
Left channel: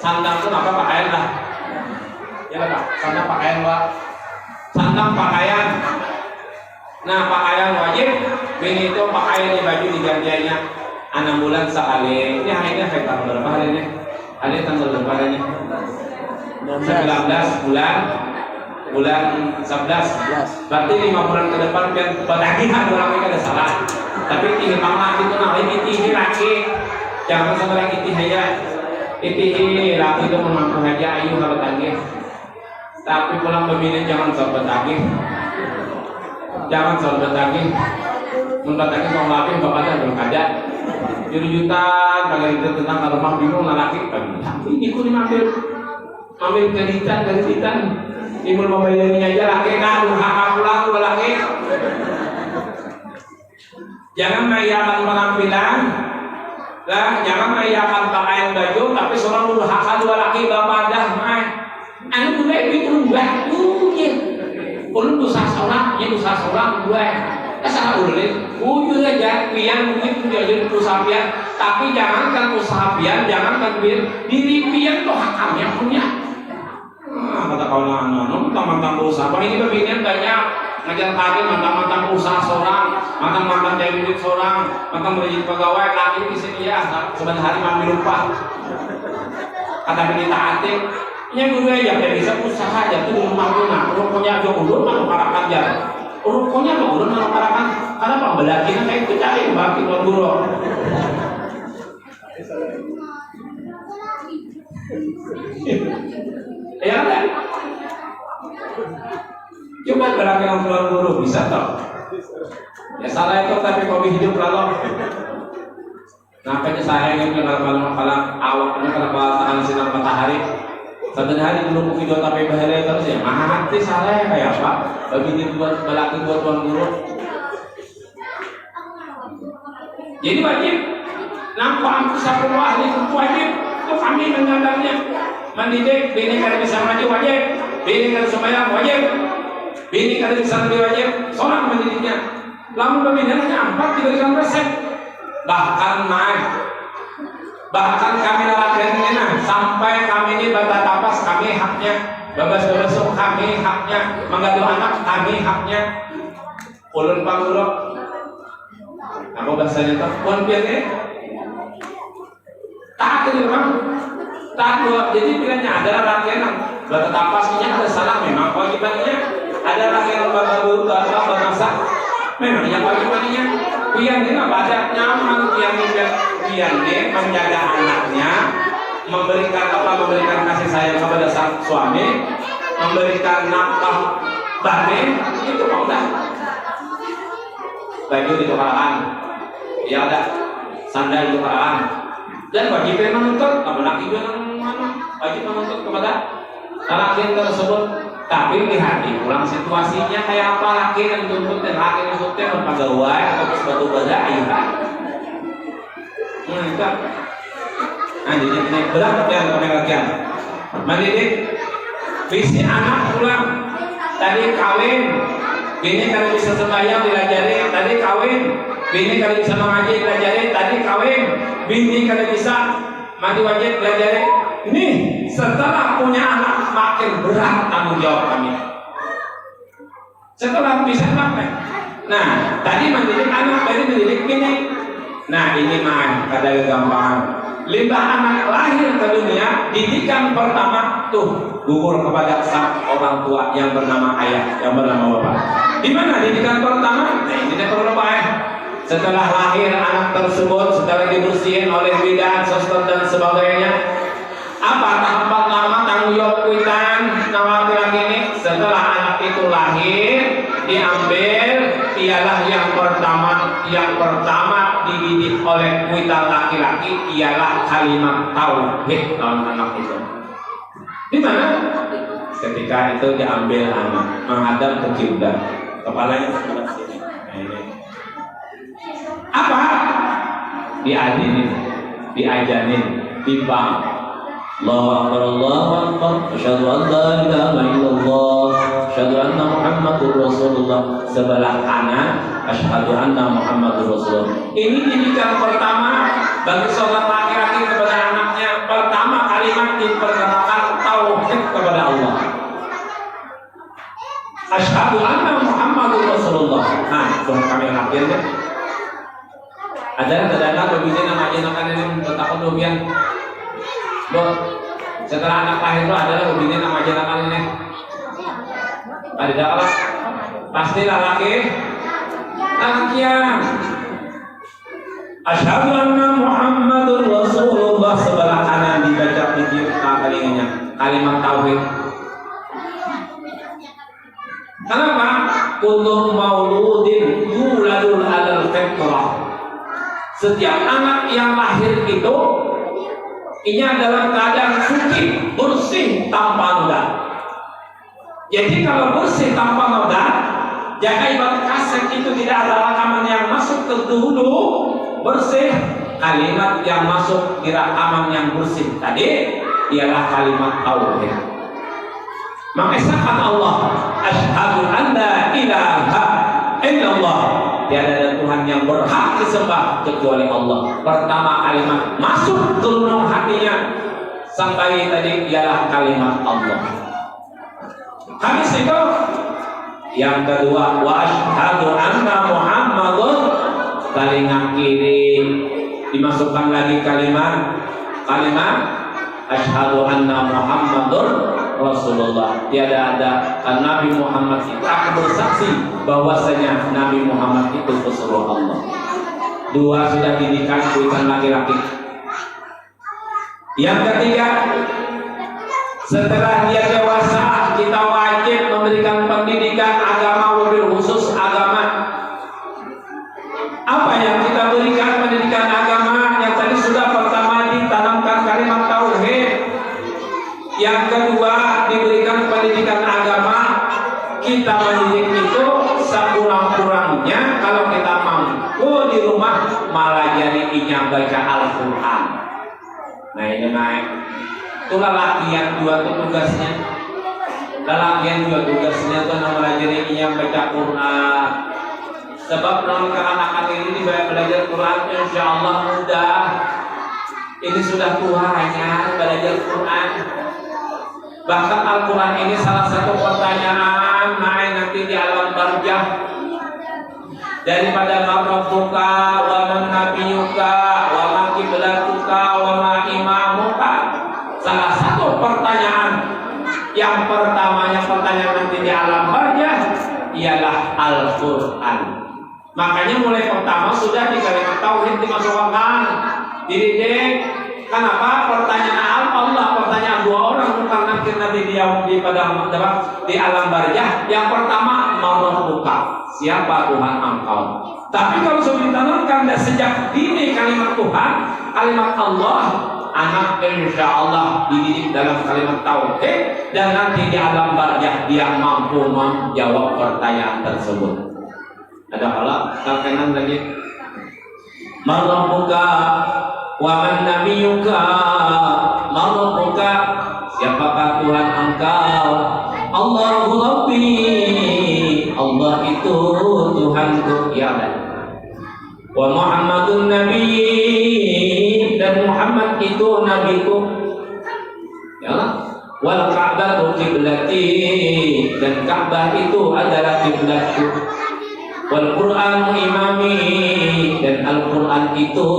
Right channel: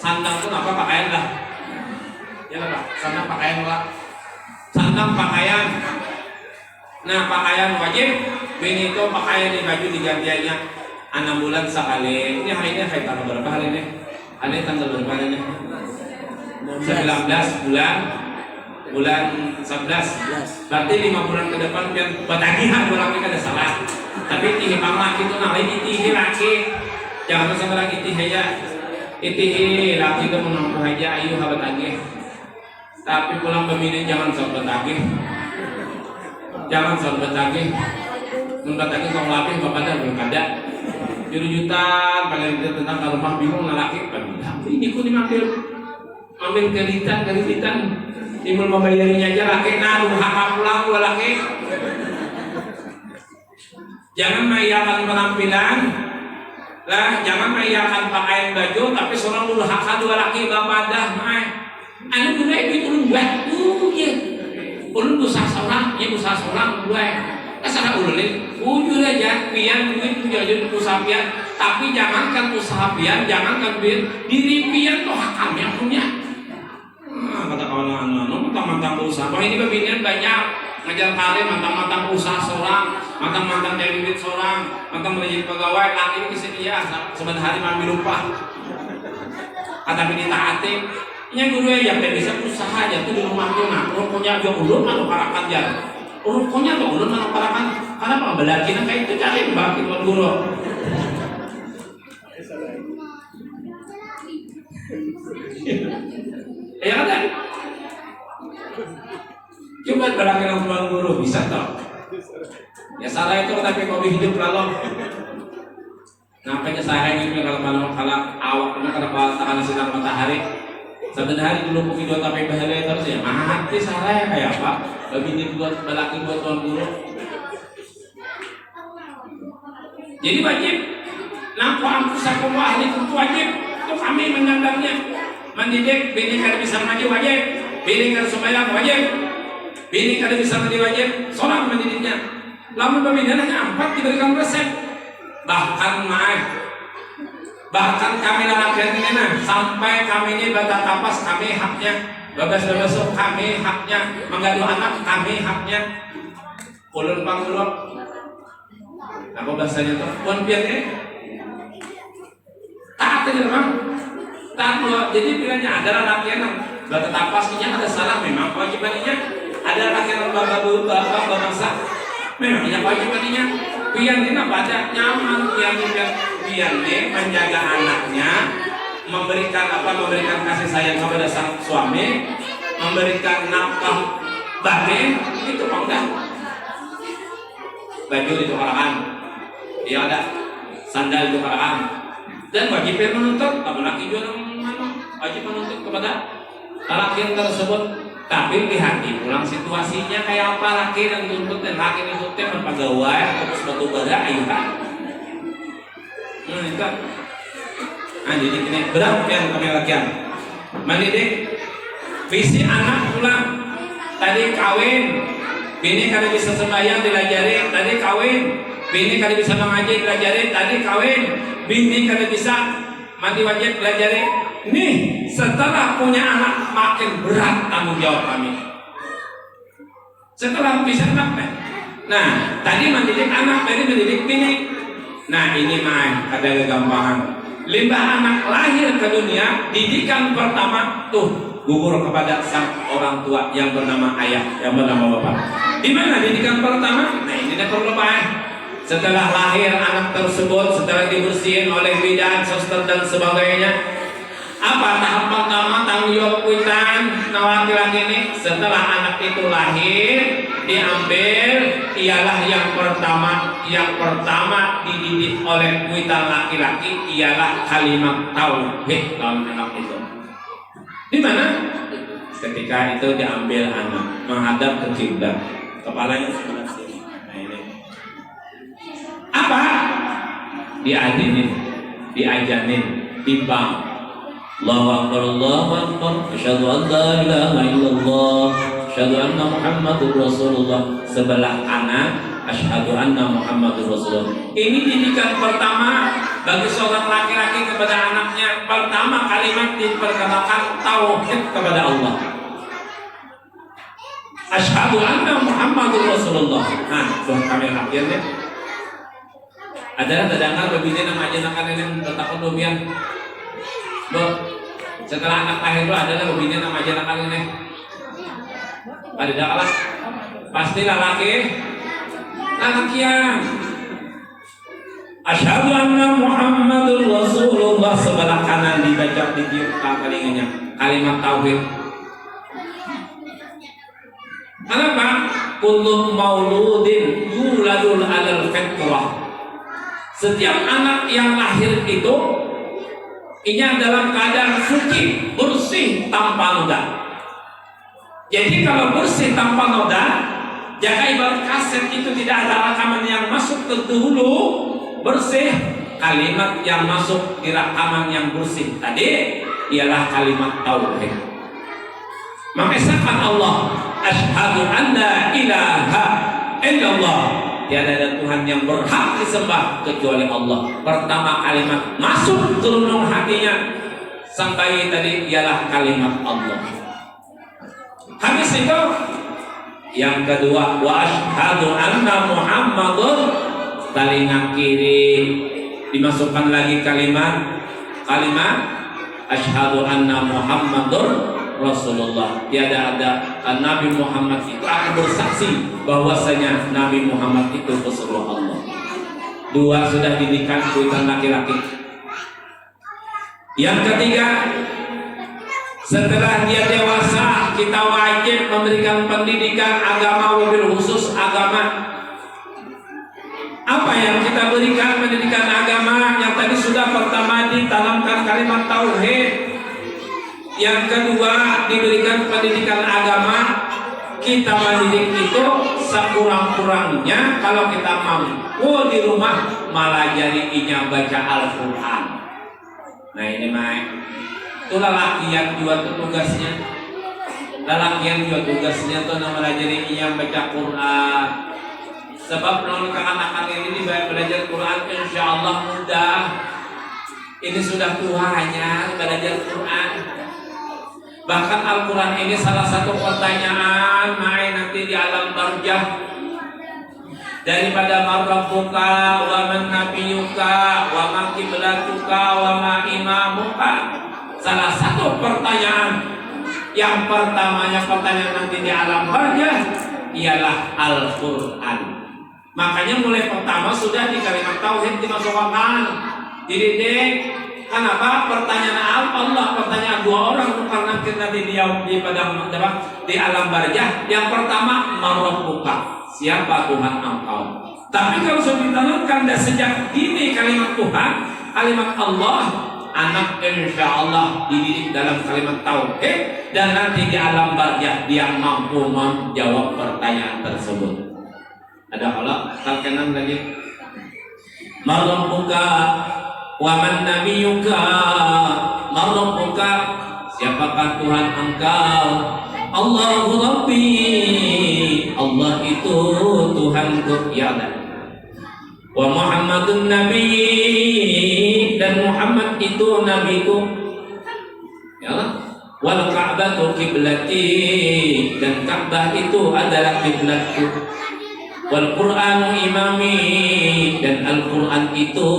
Sandang itu apa pakaian lah? Ya Pak, sandang pakaian lah. Sandang pakaian. Nah pakaian wajib, ini itu pakaian di baju digantiannya 6 bulan sekali. Ini hari ini tanggal berapa hari ini? Hari ini tanggal berapa harinya? 19 bulan 11. Berarti 5 bulan ke depan biar batagihan orang ini ada salah. Tapi ini pamak itu namanya iti laki. Jangan sebarang iti aja. Iti laki itu mengaku aja ayu habat lagi. Tapi pulang begini jangan sobat lagi. Jangan sobat lagi. Menurut lagi kalau laki bapaknya belum ada. Jutaan kalian itu tentang kalau rumah bingung laki. Ini ku ambil kelitan. Ibu mau bayarnya aja laki kan hak pulang dua laki. Jangan meriakan penampilan, jangan meriakan pakaian baju, tapi seorang dulu hak dua laki bapak dah mai. Anu dua itu ulun bakunya, ulun dosa seorang, ya dosa seorang dua. Kesana ulun, ujur aja pian duit menjadi usaha pian, tapi jangankan usaha pian, jangankan diri pian tuh hakamnya punya. Kata kawan anak-anak, mantan usaha. Ini pembinaan banyak ngajar karir, mantan usaha seorang, mantan dari duit seorang, mantan menjadi pegawai. Lagi di sini ya, sebentar hari mengambil upah. Kata bini taati, ini dulu ya, yang bisa usaha aja tuh di rumah rumah. Rupanya juga ulun lalu parakan aja. Rupanya juga ulun lalu parakan. Karena pembelajaran kayak itu cari bagi tuan guru. Ya kan? Coba belakang tuan guru bisa toh? Ya salah itu tapi kau hidup lalu. Nampaknya sarangnya kalau awaknya kalau tangan sinar matahari. Satu hari belum video tapi bahaya terus ya mati salah ya kayak apa? Bagi buat belakang buat tuan guru. Jadi wajib nampak anfusakum wa ahlikum wajib untuk kami menyandangnya. Mendidik bini kada bisa mandi wajib, bini kada sembahyang wajib, bini kada bisa mandi wajib, sholat mendidiknya. Lamun pembinaannya 4 diberikan resep. Bahkan kami nalakian ini sampai kami ini bata tapas kami haknya, babas-babasuk kami haknya, menggaduh anak kami haknya. Ulun pangulok apa bahasanya itu? Puan piannya taat itu memang taat. Jadi pilihannya ada lalakian bata tapasnya ada salah memang kewajibannya, ada lalakian babasa memang yang kewajibannya. Piannya baca nyaman, piannya menjaga anaknya, memberikan kasih sayang kepada sang suami, memberikan nafkah batin, itu mau dah. Baju ditukarkan, ya ada sandal ditukarkan, dan wajib menuntut, kamu laki juga wajib menuntut kepada laki tersebut. Tapi lihat nih, ulang situasinya kayak apa laki yang tuntut dan laki yang tuntutnya berpegawai atau suatu benda ya kan? Enggak. Nah jadi ini berat yang kami mendidik visi anak pulang. Tadi kawin, bini kalau bisa sembahyang dilajari. Tadi kawin, bini kalau bisa mengaji dilajari. Tadi kawin, bini kalau bisa mandi wajib dilajari. Nih, setelah punya anak makin berat tanggung jawab kami. Setelah bisa anak, nah tadi mendidik anak, tadi mendidik bini. Nah ini main pada kegampangan. Limbah anak lahir ke dunia, didikan pertama tuh gugur kepada sang orang tua yang bernama ayah, yang bernama bapak. Di mana didikan pertama? Nah ini dah perlu baik. Setelah lahir anak tersebut, setelah dibersihin oleh bidan, suster dan sebagainya. Apa tahap pertama tanggung jawab kuitan laki-laki ini? Setelah anak itu lahir diambil, ialah yang pertama dididik oleh kuitan laki-laki ialah kalimat tauhid lawan anak itu. Di mana? Ketika itu diambil anak menghadap ke kiblat, kepalanya sebelah sini. Apa? Diadinin, diajarin, dibang. Allahu Akbar, Allahu Akbar, asyhadu an la ilaha illallah, asyhadu anna Muhammadur Rasulullah. Sebelah kanan, asyhadu anna Muhammadur Rasulullah. Ini didikan pertama bagi seorang laki-laki kepada anaknya. Pertama kalimat diperkenalkan tauhid kepada Allah. Asyhadu anna Muhammadur Rasulullah. Nah, buat kami akhirnya ada kadang-kadang berbeda nama ajakan yang bertakut dobian. Setelah anak lahir itu adalah lebihnya nama jenengan ini. Ada dakwah. Pasti laki yang asyhadu anna Muhammadur Rasulullah. Sebelah kanan dibaca di telinganya kalimat tauhid. Kenapa? Kullu mauludin yuladul alal fitrah. Setiap anak yang lahir itu ini dalam keadaan suci, bersih, tanpa noda. Jadi kalau bersih tanpa noda, jika ibarat kaset itu tidak ada rekaman yang masuk ke dulu, bersih, kalimat yang masuk di rekaman yang bersih tadi ialah kalimat tauhid. Mengesahkan Allah, asyhadu an la ilaha illallah. Tiada ada Tuhan yang berhak disembah kecuali Allah. Pertama kalimat masuk ke lubuk hatinya sampai tadi ialah kalimat Allah. Habis itu yang kedua, wa asyhadu anna Muhammadun. Telinga kiri dimasukkan lagi kalimat asyhadu anna Muhammadur Rasulullah. Tiada ada Nabi Muhammad itu akan bersaksi bahwasanya Nabi Muhammad itu pesuruh Allah. Dua sudah didikan kuitan laki-laki. Yang ketiga, setelah dia dewasa, kita wajib memberikan pendidikan agama, wabil khusus agama. Apa yang kita berikan pendidikan agama? Yang tadi sudah pertama ditanamkan kalimat tauhid. Yang kedua diberikan pendidikan agama. Kita mendidik itu sekurang-kurangnya kalau kita mampu di rumah malah jadi inya baca Al-Quran. Nah ini mah itu lalakian juga tuh tugasnya. Lalakian juga tugasnya tuh malah jadi inya baca Quran. Sebab mereka anak-anak ini belajar Quran insya Allah mudah. Ini sudah Tuhannya belajar Quran. Bahkan Al-Quran ini salah satu pertanyaan main nanti di alam barzah. Daripada marabbuka wa man nabiyuka wa ma qiblatuka wa ma imamuka. Salah satu pertanyaan yang pertamanya pertanyaan nanti di alam barzah ialah Al-Quran. Makanya mulai pertama sudah di kalimat tauhid dimasukkan, dididik. Kenapa? Pertanyaan Allah, pertanyaan dua orang bukan nanti dijawab di padang di alam barzah. Yang pertama marabbuka. Siapa Tuhan engkau? Tapi kalau sudah ditanamkan dan sejak dini kalimat Tuhan, kalimat Allah, anak insya Allah dididik dalam kalimat tauhid dan nanti di alam barzah dia mampu menjawab pertanyaan tersebut. Ada halal terkenan lagi. Marabbuka wa man nabiyuka. Marabbuka, siapakah Tuhan engkau? Allahu Rabbi, Allah itu Tuhanku, ya Allah. Wa Muhammadun Nabi, dan Muhammad itu nabiku, ya Allah. Wal Ka'batu kiblati, dan Ka'bah itu adalah kiblatku. Wal Qur'anu imami, dan Al-Quran itu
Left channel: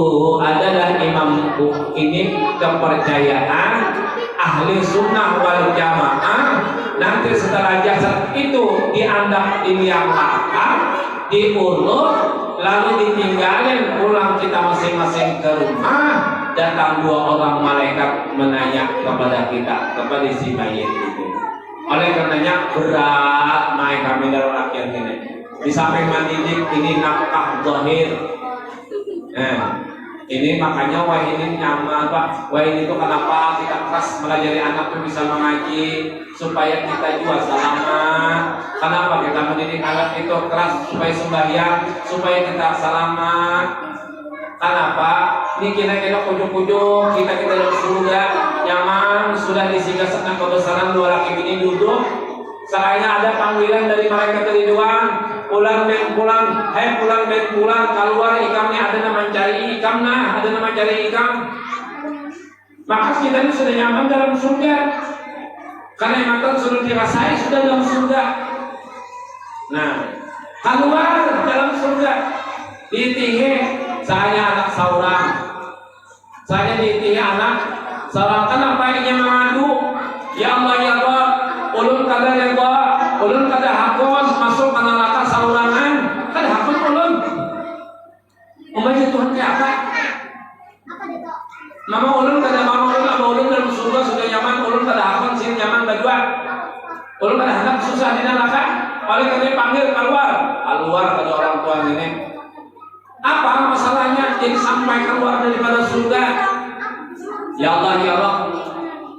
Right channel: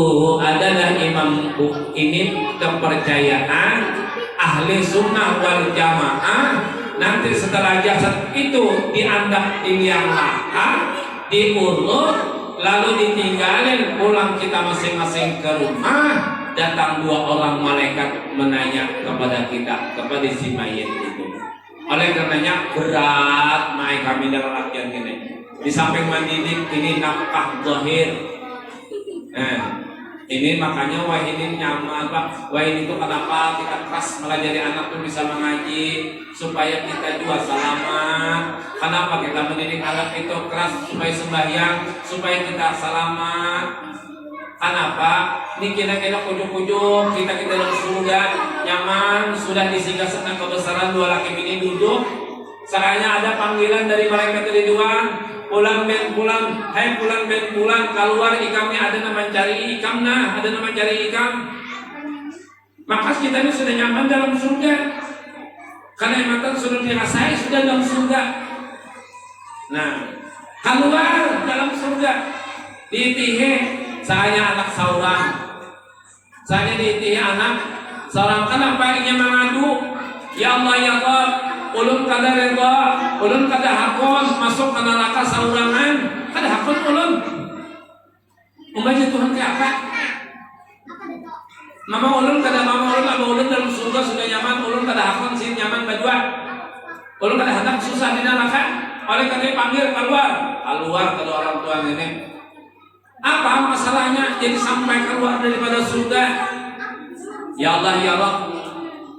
adalah imamku. Ini kepercayaan ahli sunnah wal jamaah. Nanti setelah jasad itu dianggap di liang lahat, diurut, lalu ditinggalin pulang kita masing-masing ke rumah. Datang dua orang malaikat menanya kepada kita, kepada si mayit itu. Oleh karenanya berat mai kami dalam latihan ini. Di samping mendidik ini nafkah zahir. Ini makanya wahidin nyaman Pak. Wahid itu kenapa kita keras mengajari anak itu bisa mengaji supaya kita juga selamat. Kenapa kita mendidik anak itu keras supaya sembahyang, supaya kita selamat. Kenapa? Ini kira-kira kujuk-kujuk kita dalam surga nyaman, sudah disinggah senang kebesaran dua laki bini duduk. Sekalinya ada panggilan dari malaikat dari doang. Pulang ben pulang, hai pulang ben pulang, keluar ikamnya ada nama cari ikam nah, ada nama cari ikam. Maka kita ini sudah nyaman dalam surga. Karena nikmatan sudah dirasai sudah dalam surga. Nah, keluar dalam surga, diitihe, saya anak seorang, saya diitihe anak seorang. Kenapa ini mengadu? Ya Allah ya Allah, ulun kadar reda, ulun kadar hakon masuk ke neraka saurangan, kadar hakon ulun. Umpamanya Tuhan kayak apa? Mama ulun kadar mama ulun, abah ulun dalam surga sudah nyaman, ulun kadar hakon sih nyaman berdua. Ulun kadar hendak susah di neraka, oleh karena panggil keluar kedua orang tua nenek. Apa masalahnya? Jadi sampai keluar daripada surga. Ya Allah ya Allah,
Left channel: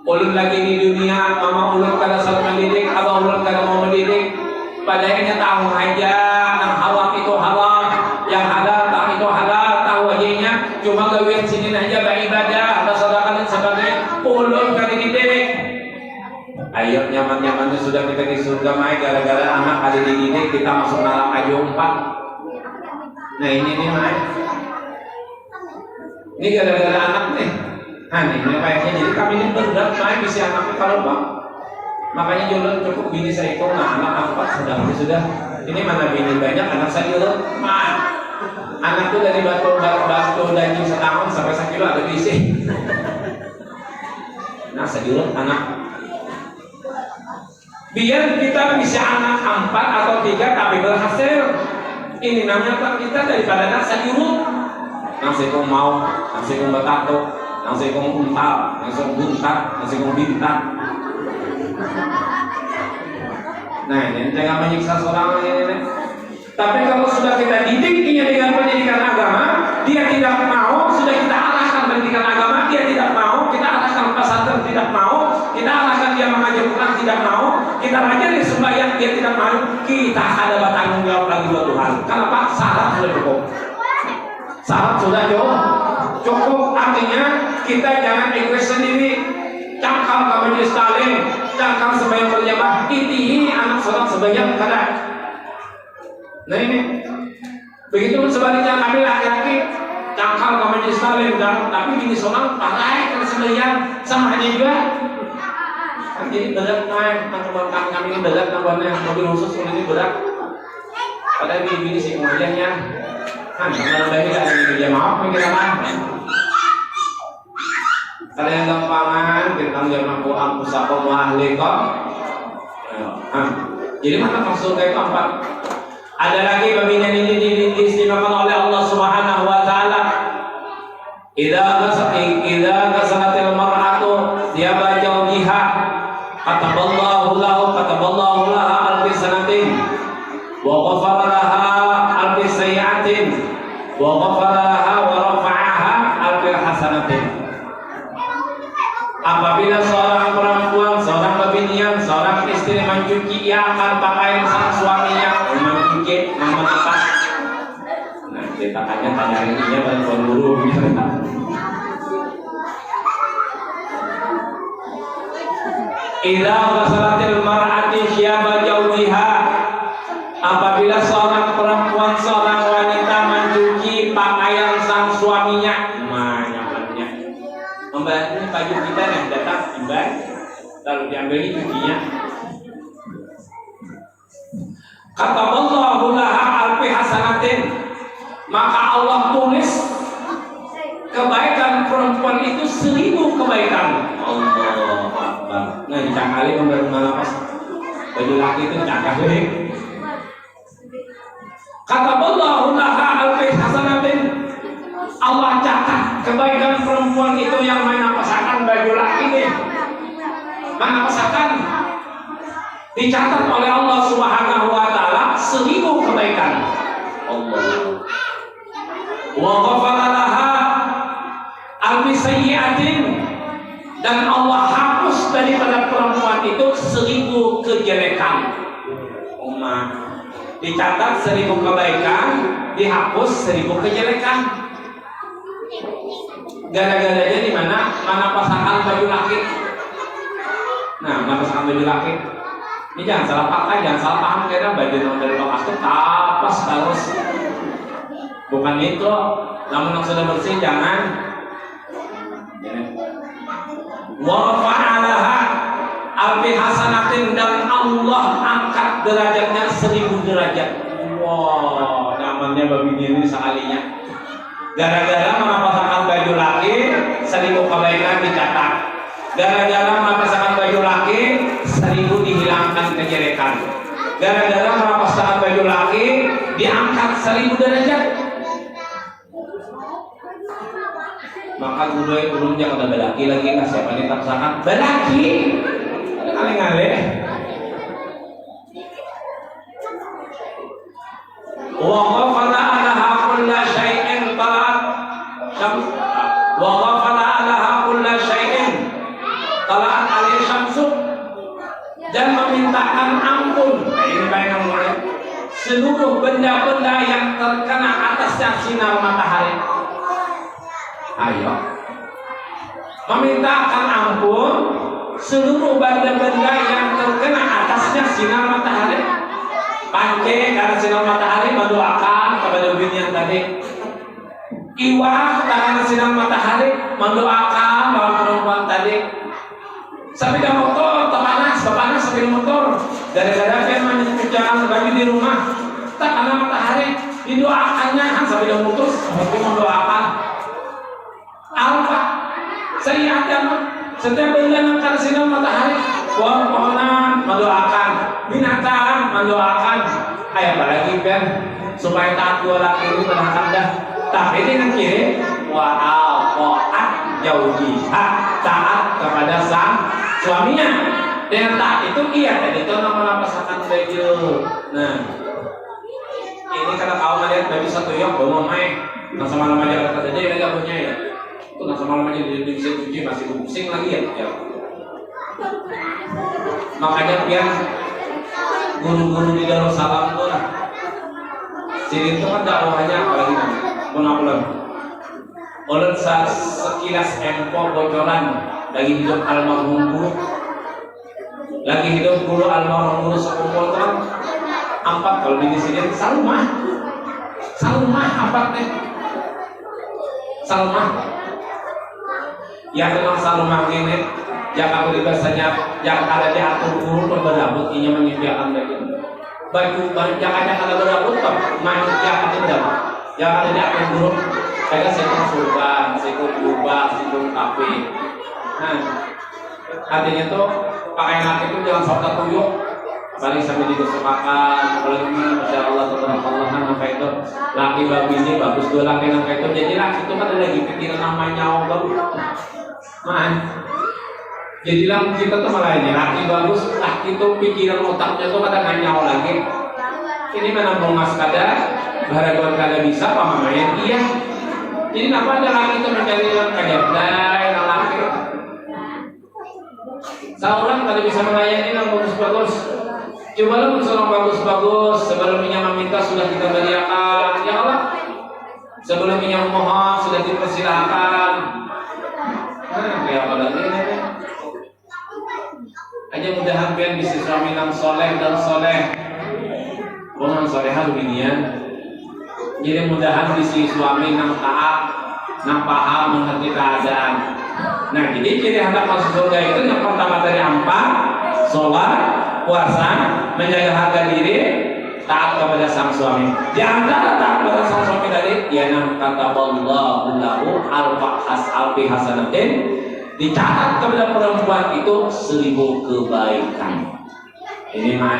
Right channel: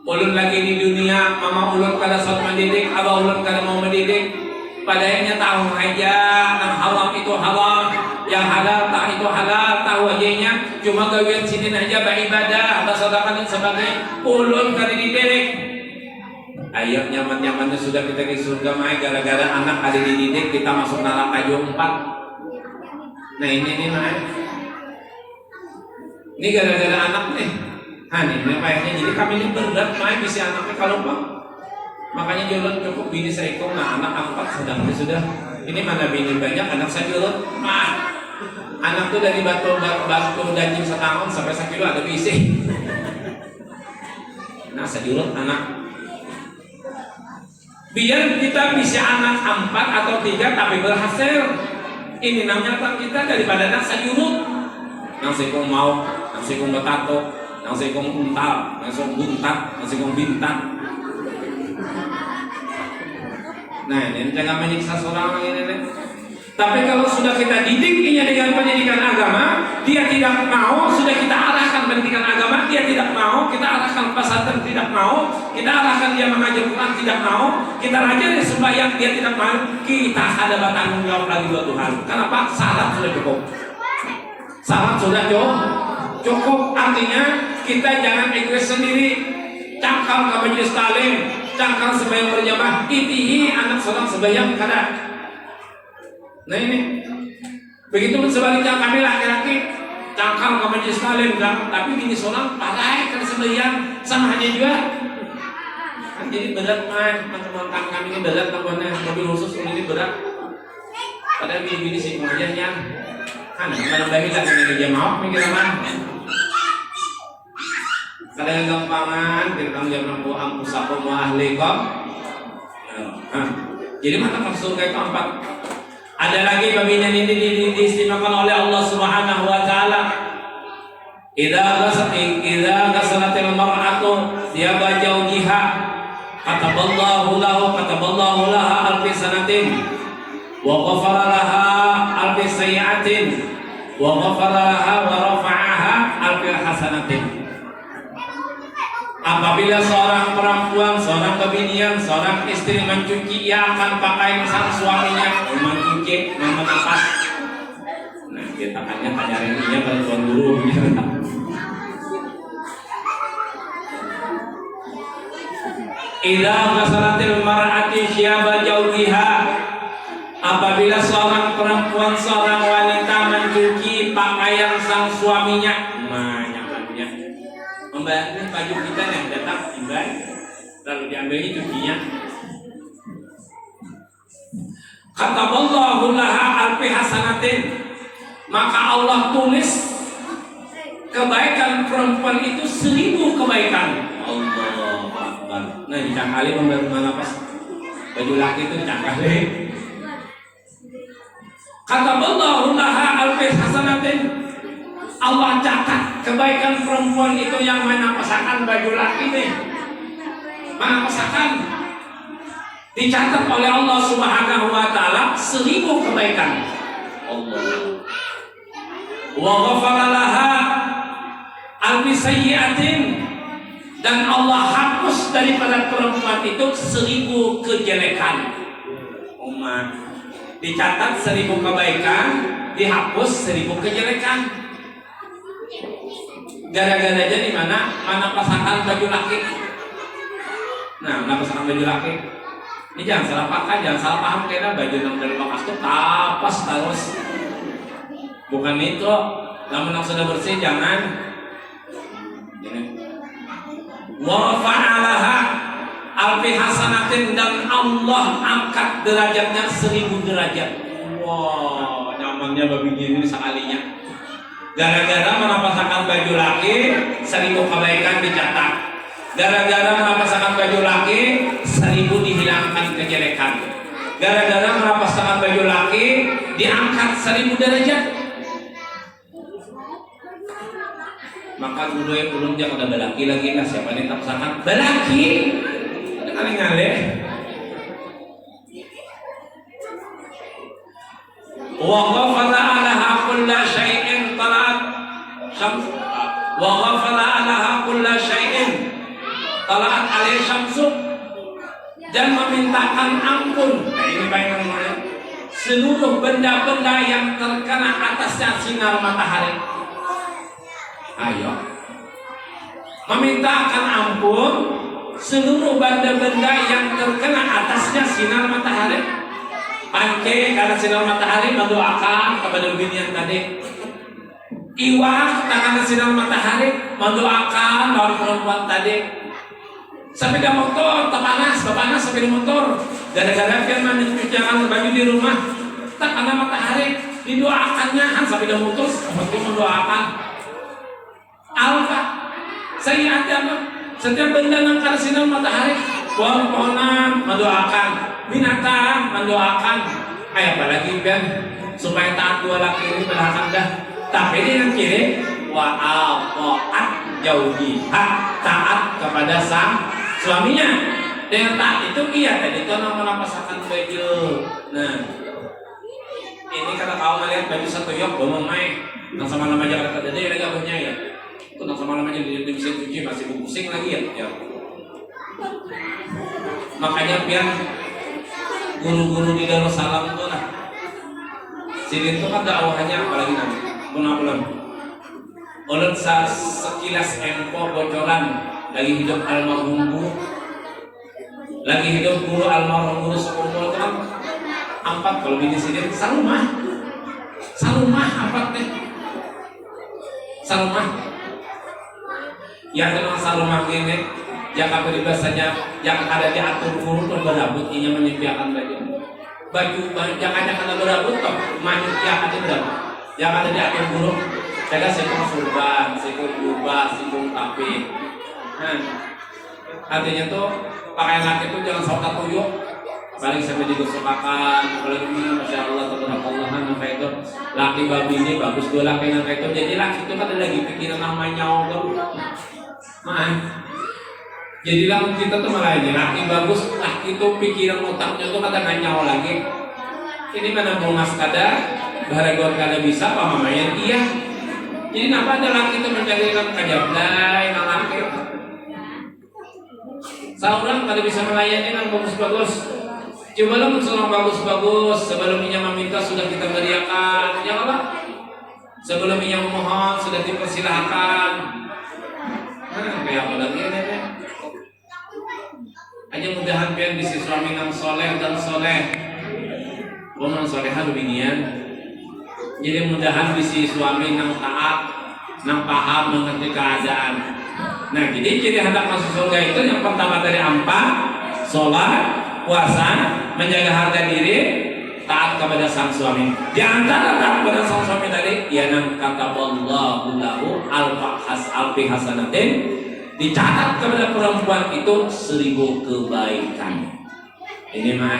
ulun lagi di dunia, mama ulun kada saat mendidik, abah ulun kada mau mendidik. Padahal tahu aja, yang halal itu halal, yang halal tak itu halal, tahu aja cuma gawian sini aja beribadah, atau sedekah dan sebagainya. Ulun kada dididik. Ayo nyaman-nyamannya sudah kita di surga, mai gara-gara anak ada dididik kita masuk neraka aja 4. Nah ini nih mai, ini gara-gara anak nih. Nah ini kayaknya jadi kami ini berat main bisa anaknya kalau Pak. Makanya jodoh cukup bini saya itu anak 4 sedang sudah. Ini mana bini banyak anak saya jodoh mah. Anak tuh dari batu daging setahun sampai 1 kilo ada bisi. Nah sejulut anak. Biar kita bisa anak 4 atau 3 tapi berhasil. Ini namanya kita daripada anak sayurut. Nasi kong mau, nasi kong betato, nasi kong untal, nasi kong buntat, nasi kong bintang. Nah ini jangan menyiksa seorang ini. Tapi kalau sudah kita didiknya dengan pendidikan agama, dia tidak mau, sudah kita arahkan pendidikan agama, dia tidak mau, kita arahkan pesantren tidak mau, kita arahkan dia mengajar Quran tidak mau, kita ajar sembahyang dia tidak mau, kita ada tanggung jawab lagi buat Tuhan. Kenapa? Syarat sudah cukup. Syarat sudah cukup. Artinya kita jangan egois sendiri. Cangkang ke majelis taklim, cangkang sembahyang berjamaah, itihi anak saudara sembahyang kada. Nah ini, begitu pun sebaliknya kami laki-laki cangkang ke majelis taklim, tapi bini seorang parai ke sembahyang sama aja juga. Jadi berat main, teman-teman kami ini berat namanya mobil khusus ini berat. Padahal bini-bini sih kemudiannya kan dalam kita ini dia maaf kita mah. Kalian gampangan kita jam 6 angkusakum wa ahlikum. Jadi mana maksud itu 4? Ada lagi pembinaan ini diistimewakan oleh Allah Subhanahu wa taala. Idza ghasalatil mar'atu thiyaba zawjiha kataballahu laha alfi sanatin wa ghafara laha alfi sayyi'atin wa ghafara laha wa rafa'aha alfi hasanatin. Apabila seorang perempuan, seorang pebinian, seorang istri mencuci, ia akan pakai sang suaminya mencuci, memasak. Nah, kita tanya ini dan tuan guru. Idza ghasalatil mar'ati syaba jawbiha. Apabila seorang perempuan, seorang wanita mencuci pakaian sang suaminya, Mbak, ini baju kita yang datang, Mbak, lalu diambil cucinya. Kataballahu laha alfi hasanatin, maka Allah tulis kebaikan perempuan itu 1000 kebaikan. Allahu Akbar. Nah, dicakali membaru pas baju laki itu cakali. Kataballahu laha alfi hasanatin. Allah catat kebaikan perempuan itu yang mana pasangan baju laki nih. Mana pasangan dicatat oleh Allah Subhanahu wa taala 1000 kebaikan. Allah. Wa ghafara laha alfi sayyi'atin, dan Allah hapus daripada perempuan itu 1000 kejelekan. Umat dicatat 1000 kebaikan, dihapus 1000 kejelekan. Gara-gara jadi mana pasangan baju laki. Nah, mana pasangan baju laki. Ini jangan salah pakai, jangan salah paham karena baju yang dari bekas itu tapas terus. Bukan itu, namun yang sudah bersih jangan. Wa rafa'alaha alfi hasanatin, dan Allah angkat derajatnya 1000 derajat. Wow, nyamannya babi ini sekalinya. Gara-gara mana pasangan baju laki 1000 kebaikan dicatat. Gara-gara mana pasangan baju laki 1000 dihilangkan kejelekan. Gara-gara mana pasangan baju laki diangkat 1000 derajat. Maka gudungnya pada balaki lagi lah, siapa nih pasangan balaki ada kali-kali. Wa ghafala alaha kulla syai'in talat wa ghafala alaha kulla syai'in talat alaihi syamsu, dan memintakan ampun. Nah, ini baik namanya seluruh benda-benda yang terkena atasnya sinar matahari. Ayo memintakan ampun seluruh benda-benda yang terkena atasnya sinar matahari. Pancing karena sinar matahari mendoakan kepada binian tadi. Iwak karena sinar matahari mendoakan lawan perempuan tadi. Sepeda motor terpanas sepeda motor. Gara-gara dia mencucikan baju di rumah, tak karena matahari didoakannya kan sepeda motor seperti mendoakan. Alfa saya ada setiap benda yang karena sinar matahari, pohon-pohonan mendoakan, binatang mendoakan. Apalagi Ben supaya taat dua laki ini mendoakan dah. Tapi ini yang kiri wa'al jauhiha, taat kepada sang suaminya. Dan taat itu iya tadi itu nama pasangan baju. Nah, ini karena kau ngeliat baju satu yang bawa main, nggak sama nama aja kata dia lagi punya ya. Itu nggak sama namanya di mesin cuci masih pusing lagi ya. Makanya biar guru-guru di Darussalam itu lah, sini itu kan dakwahnya apalagi namanya Bulan ulun sekilas empo bocoran lagi hidup almarhum guru, lagi hidup guru almarhum guru sekumpul kan empat kalau bini sendiri salumah empat teh salumah yang memang salumah ini yang bahasanya yang ada di atur guru berberabut ini menyediakan baju yang ada kalau berabut toh manusia itu yang ada di atur guru kayak sekor surban, sekor jubah, sekor kafe. Nah, artinya tuh pakaian laki itu jangan sok tuyuk, apalagi sampai digosok-akan, apalagi masya Allah tabarakallah maka itu laki babi ini bagus dua laki itu jadi laki itu kan ada lagi pikiran namanya Allah. Nah, jadilah kita tuh malah ini laki bagus, laki itu pikiran otaknya tuh kadang nggak nyawa lagi. Ini menambung mas kadar, gara-gara kada bisa apa namanya dia. Jadi kenapa ada laki itu mencari dalam kajablay, laki seorang kada bisa melayani yang bagus-bagus. Cobalah seorang bagus-bagus sebelumnya meminta sudah kita beriakan, ya Allah. Sebelumnya memohon sudah dipersilahkan. Kayak apa lagi ini? Aja mudahan pian bisa suami yang soleh dan soleh. Mohon solehah dunia. Jadi mudahan bisi suami yang taat, yang paham mengerti keadaan. Nah, jadi hendak masuk surga itu yang pertama dari empat, sholat, puasa, menjaga harga diri, taat kepada sang suami. Di antara taat kepada sang suami tadi, ya nam kataballahu lahu alfi hasanatin, dicatat kepada perempuan itu 1000 kebaikan. Ini mah.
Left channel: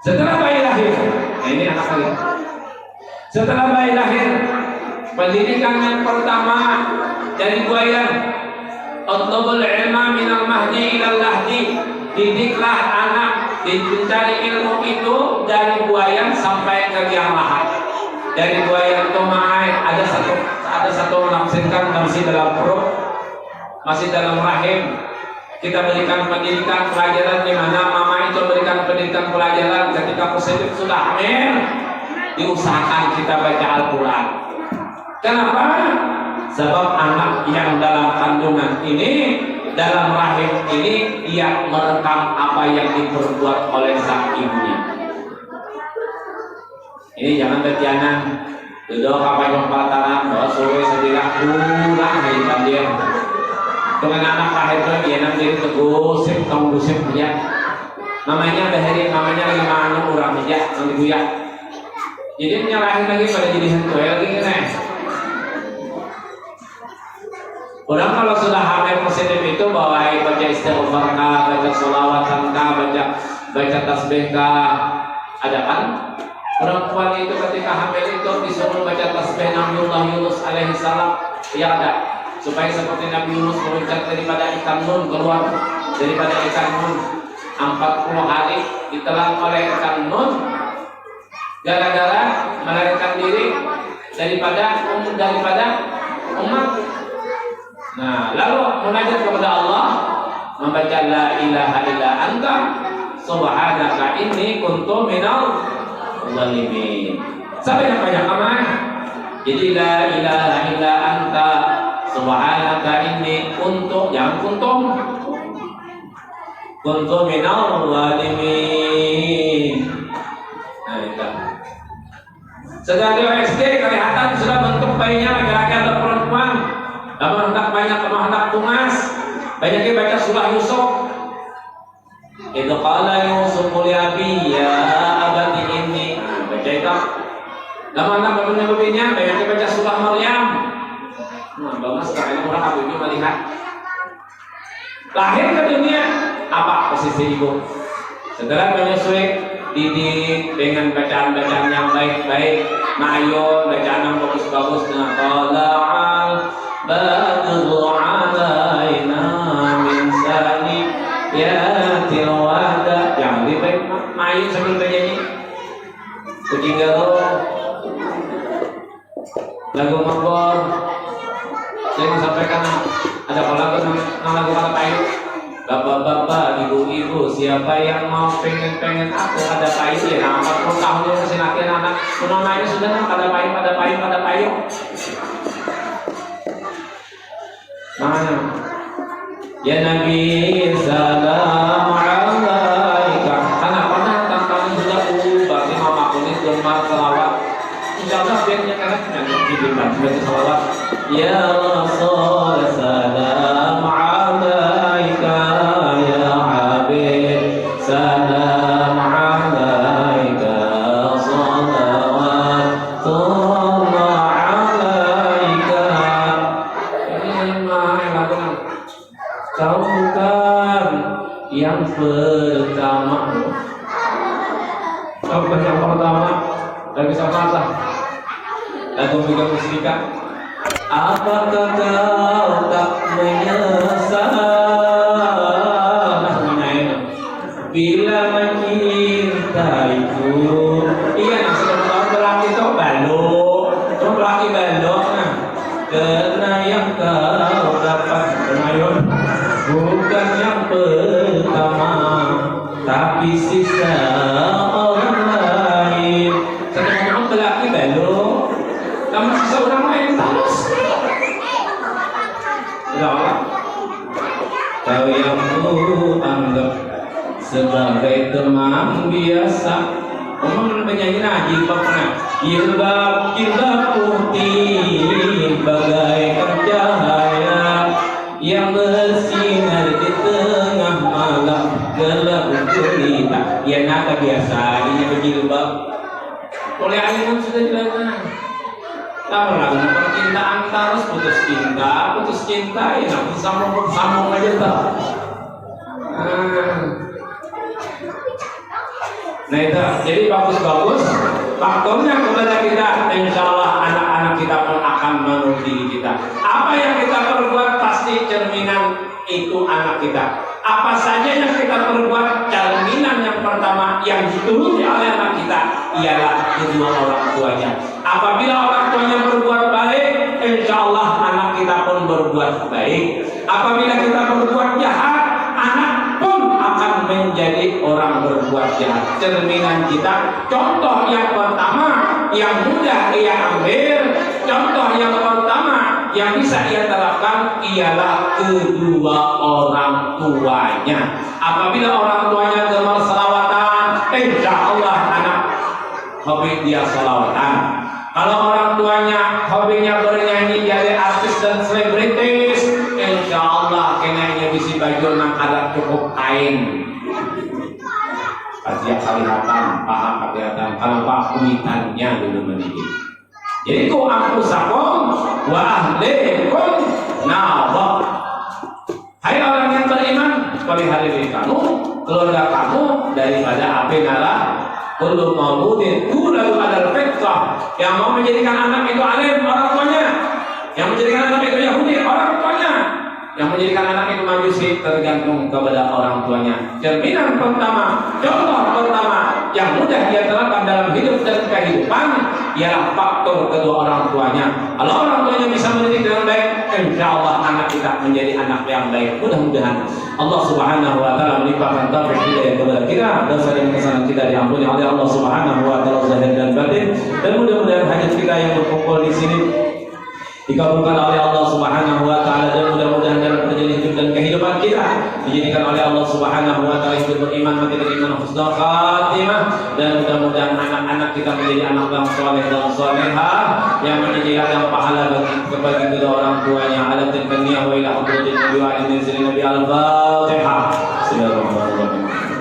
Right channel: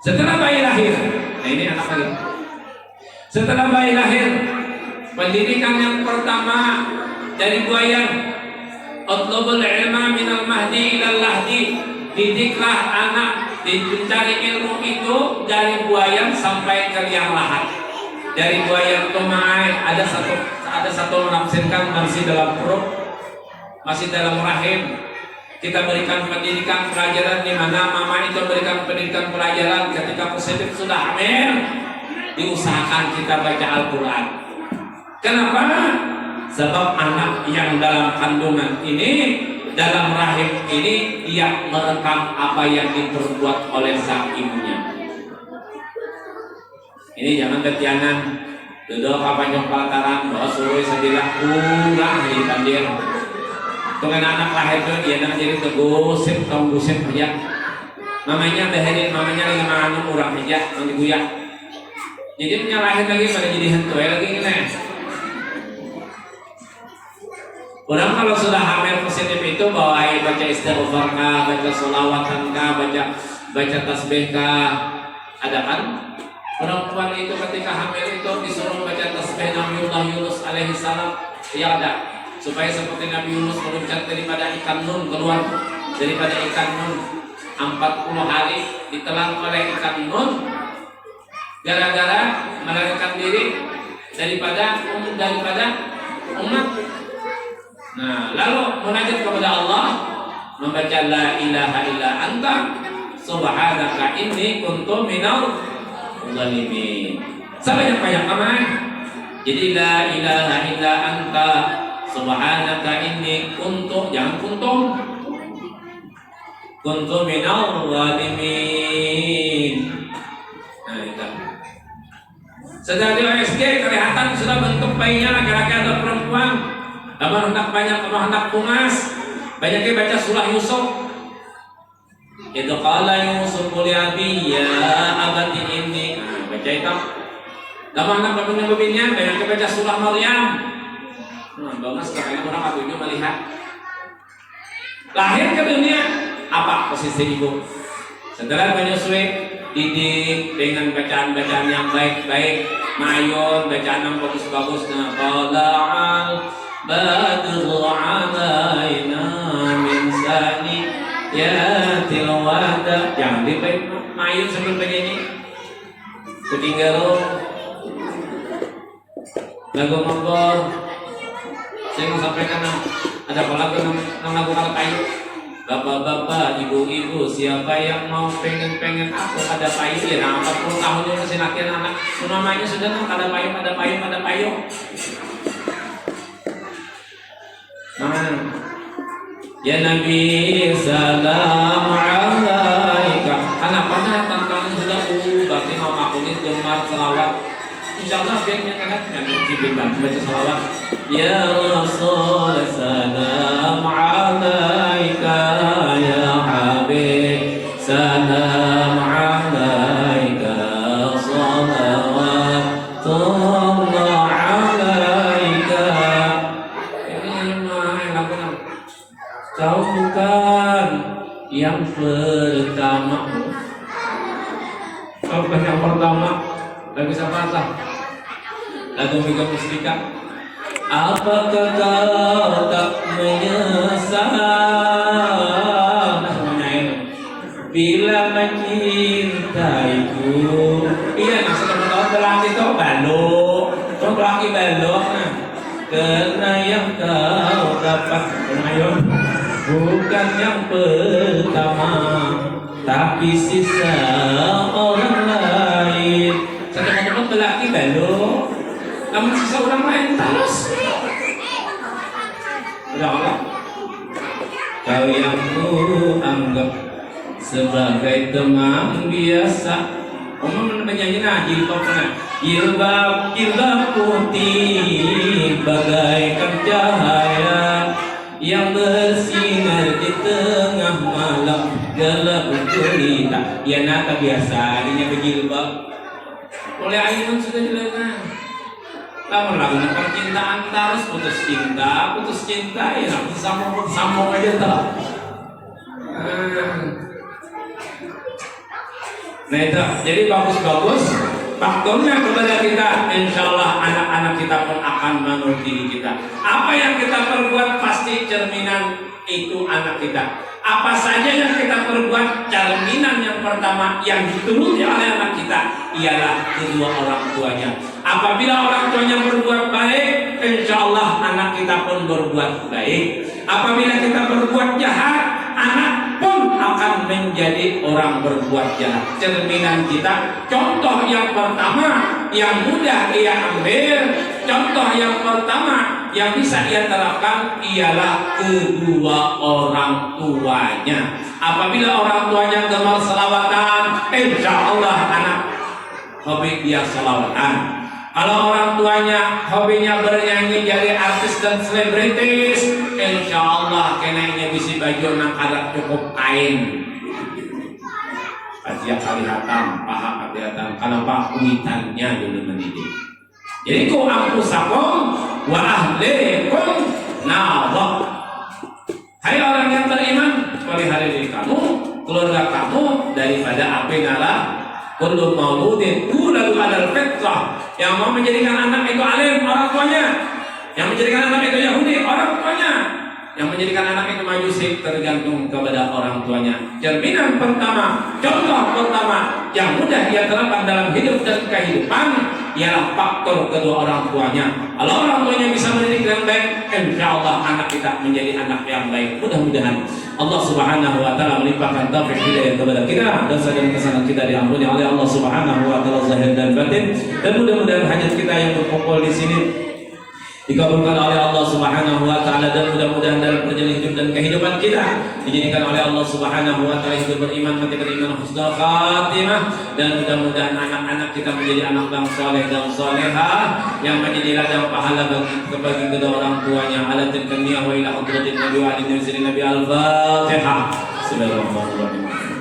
Setelah bayi lahir, nah ini anak lagi. Setelah bayi lahir, pendidikan yang pertama dari buayan, utlubul ilma minal mahdi ilal lahdi. Didiklah anak, mencari ilmu itu dari buayan sampai ke liang lahat. Dari buayan itu ada satu menafsirkan masih dalam perut, masih dalam rahim. Kita berikan pendidikan pelajaran di mana mama itu berikan pendidikan pelajaran ketika positif sudah hamil. Diusahakan kita baca Al-Quran. Kenapa? Sebab anak yang dalam kandungan ini, dalam rahim ini, dia merekam apa yang diperbuat oleh sang ibunya. Ini jangan ketianan duduk apa yang pelataran doa sore sedilah pulang hari bandir. Dengan anak lahir itu dia nak jadi tegusip aja. Mamanya bahari, mamanya lagi mana orang aja, mengguyak. Jadi menyalahin lagi pada jadi hentoy lagi nih. Orang kalau sudah hamil positif itu bawain baca istighfar kah, baca sholawat kah, baca tasbih kah, ada kan? Perempuan itu ketika hamil itu disuruh baca tasbih Nabiullah Yunus alaihi salam, ya ada. Supaya seperti Nabi Yunus meloncat daripada ikan nun keluar daripada ikan nun 40 hari ditelan oleh ikan nun. Gara-gara melarikan diri daripada umat. Nah, lalu munajat kepada Allah, membaca la ilaha illa anta subhanaka inni kuntu minal zalimin. Sampai banyak aman. Jadi la ilaha illa anta subhanaka inni kuntu, jangan kuntu minal zalimin. Nah, itu. Setelah dia SD kelihatan sudah bentuk bayinya laki-laki atau perempuan. Kamu hendak tumas, banyaknya baca surah Yusuf. Itu qala Yusuf li abi ya abati inni. Baca itu. Kamu hendak babinya, banyaknya baca surah Maryam. Nah, bagus sekali orang abunya melihat. Lahir ke dunia, apa posisi ibu? Setelah menyusui, didik dengan bacaan-bacaan yang baik-baik, ma'ayun, bacaan yang bagus-bagus. Tala'al badru alaina min saniyatil wada. Jangan dibaik ma'ayun sambil bernyanyi. Ketinggal lagu Mongol. Saya mau sampaikan ada lagu nama lagu mana payung. Bapak-bapak, ibu-ibu siapa yang mau pengen aku ada payung ya, nah 40 tahun dulu si laki anak namanya sudah nah pada payung. Mana? Ya Nabi salam alaika. Karena pernah tentang sudah berarti mau makunin gemar selawat. Insyaallah biarnya kan nanti baca selawat. Ya Rasul salam alaika ya Habib salam alaika salawatullah alaika. Ini mah lagu kau bukan yang pertama. Kau bukan yang pertama. Gak bisa patah. Lagu Mika Musrika. Apakah kau tak menyesal bila mencintaiku? Iya, nah sudah tahu berarti itu balok. Itu berarti balok. Nah, karena yang kau dapat pengayon bukan yang pertama, tapi sisa orang lain. Teman-teman berarti balok. Namun sisa orang lain terus. Ulang-ulang. Kau yang ku anggap sebagai teman biasa. Penyanyi jilbab jilbab putih bagaikan cahaya yang bersinar di tengah malam gelap gulita. Ya naka biasa ini berjilbab. Oleh ayun sudah dilakukan. Lama-lama percintaan terus putus cinta ya nak sambung aja tak. Nah itu jadi bagus faktornya kepada kita, insya Allah anak-anak kita pun akan mengikuti kita. Apa yang kita perbuat pasti cerminan itu anak kita. Apa saja yang kita perbuat, cerminan yang pertama yang dituruti oleh anak kita ialah kedua orang tuanya. Apabila orang tuanya berbuat baik, insya Allah anak kita pun berbuat baik. Apabila kita berbuat jahat, anak pun akan menjadi orang berbuat jahat. Cerminan kita, contoh yang pertama yang mudah ia ambil, contoh yang pertama yang bisa ia terapkan ialah kedua orang tuanya. Apabila orang tuanya gemar selawatan, insya Allah anak hobi dia selawatan. Kalau orang tuanya hobinya bernyanyi jadi artis dan selebritis, insya Allah kenanya bisi baju nang kada cukup kain. Kajian kelihatan, paha kelihatan, kenapa kuitannya dulu mendidik. Jadi ku ampusakum wa ahlikum nawab. Hai orang yang beriman, pelihara diri kamu, keluarga kamu daripada api neraka. Kullu mauludin yuladu alal fitrah. Yang mau menjadikan anak itu alim orang tuanya, yang menjadikan anak itu Yahudi orang tuanya, yang menjadikan anak itu majusi tergantung kepada orang tuanya. Cerminan pertama, contoh pertama yang mudah dia terapkan dalam hidup dan kehidupan ialah faktor kedua orang tuanya. Kalau orang tuanya bisa mendidik dengan baik, insya Allah anak kita menjadi anak yang baik. Mudah-mudahan Allah Subhanahu wa taala melimpahkan taufik hidayah kepada kita, dosa dan kesalahan kita diampuni oleh Allah Subhanahu wa taala zahir dan batin, dan mudah-mudahan hajat kita yang berkumpul di sini dikabulkan oleh Allah Subhanahu wa taala, dan mudah-mudahan dalam perjalanan hidup dan kehidupan kita dijadikan oleh Allah Subhanahu wa taala hidup beriman, mati beriman, husnul khatimah, dan mudah-mudahan anak-anak kita menjadi anak yang saleh dan salehah yang menjadi ladang pahala bagi kedua orang tuanya. Ala tilkaniyah wa ila hadratin nabi wa ala nabi al-Fatihah. Bismillahirrahmanirrahim.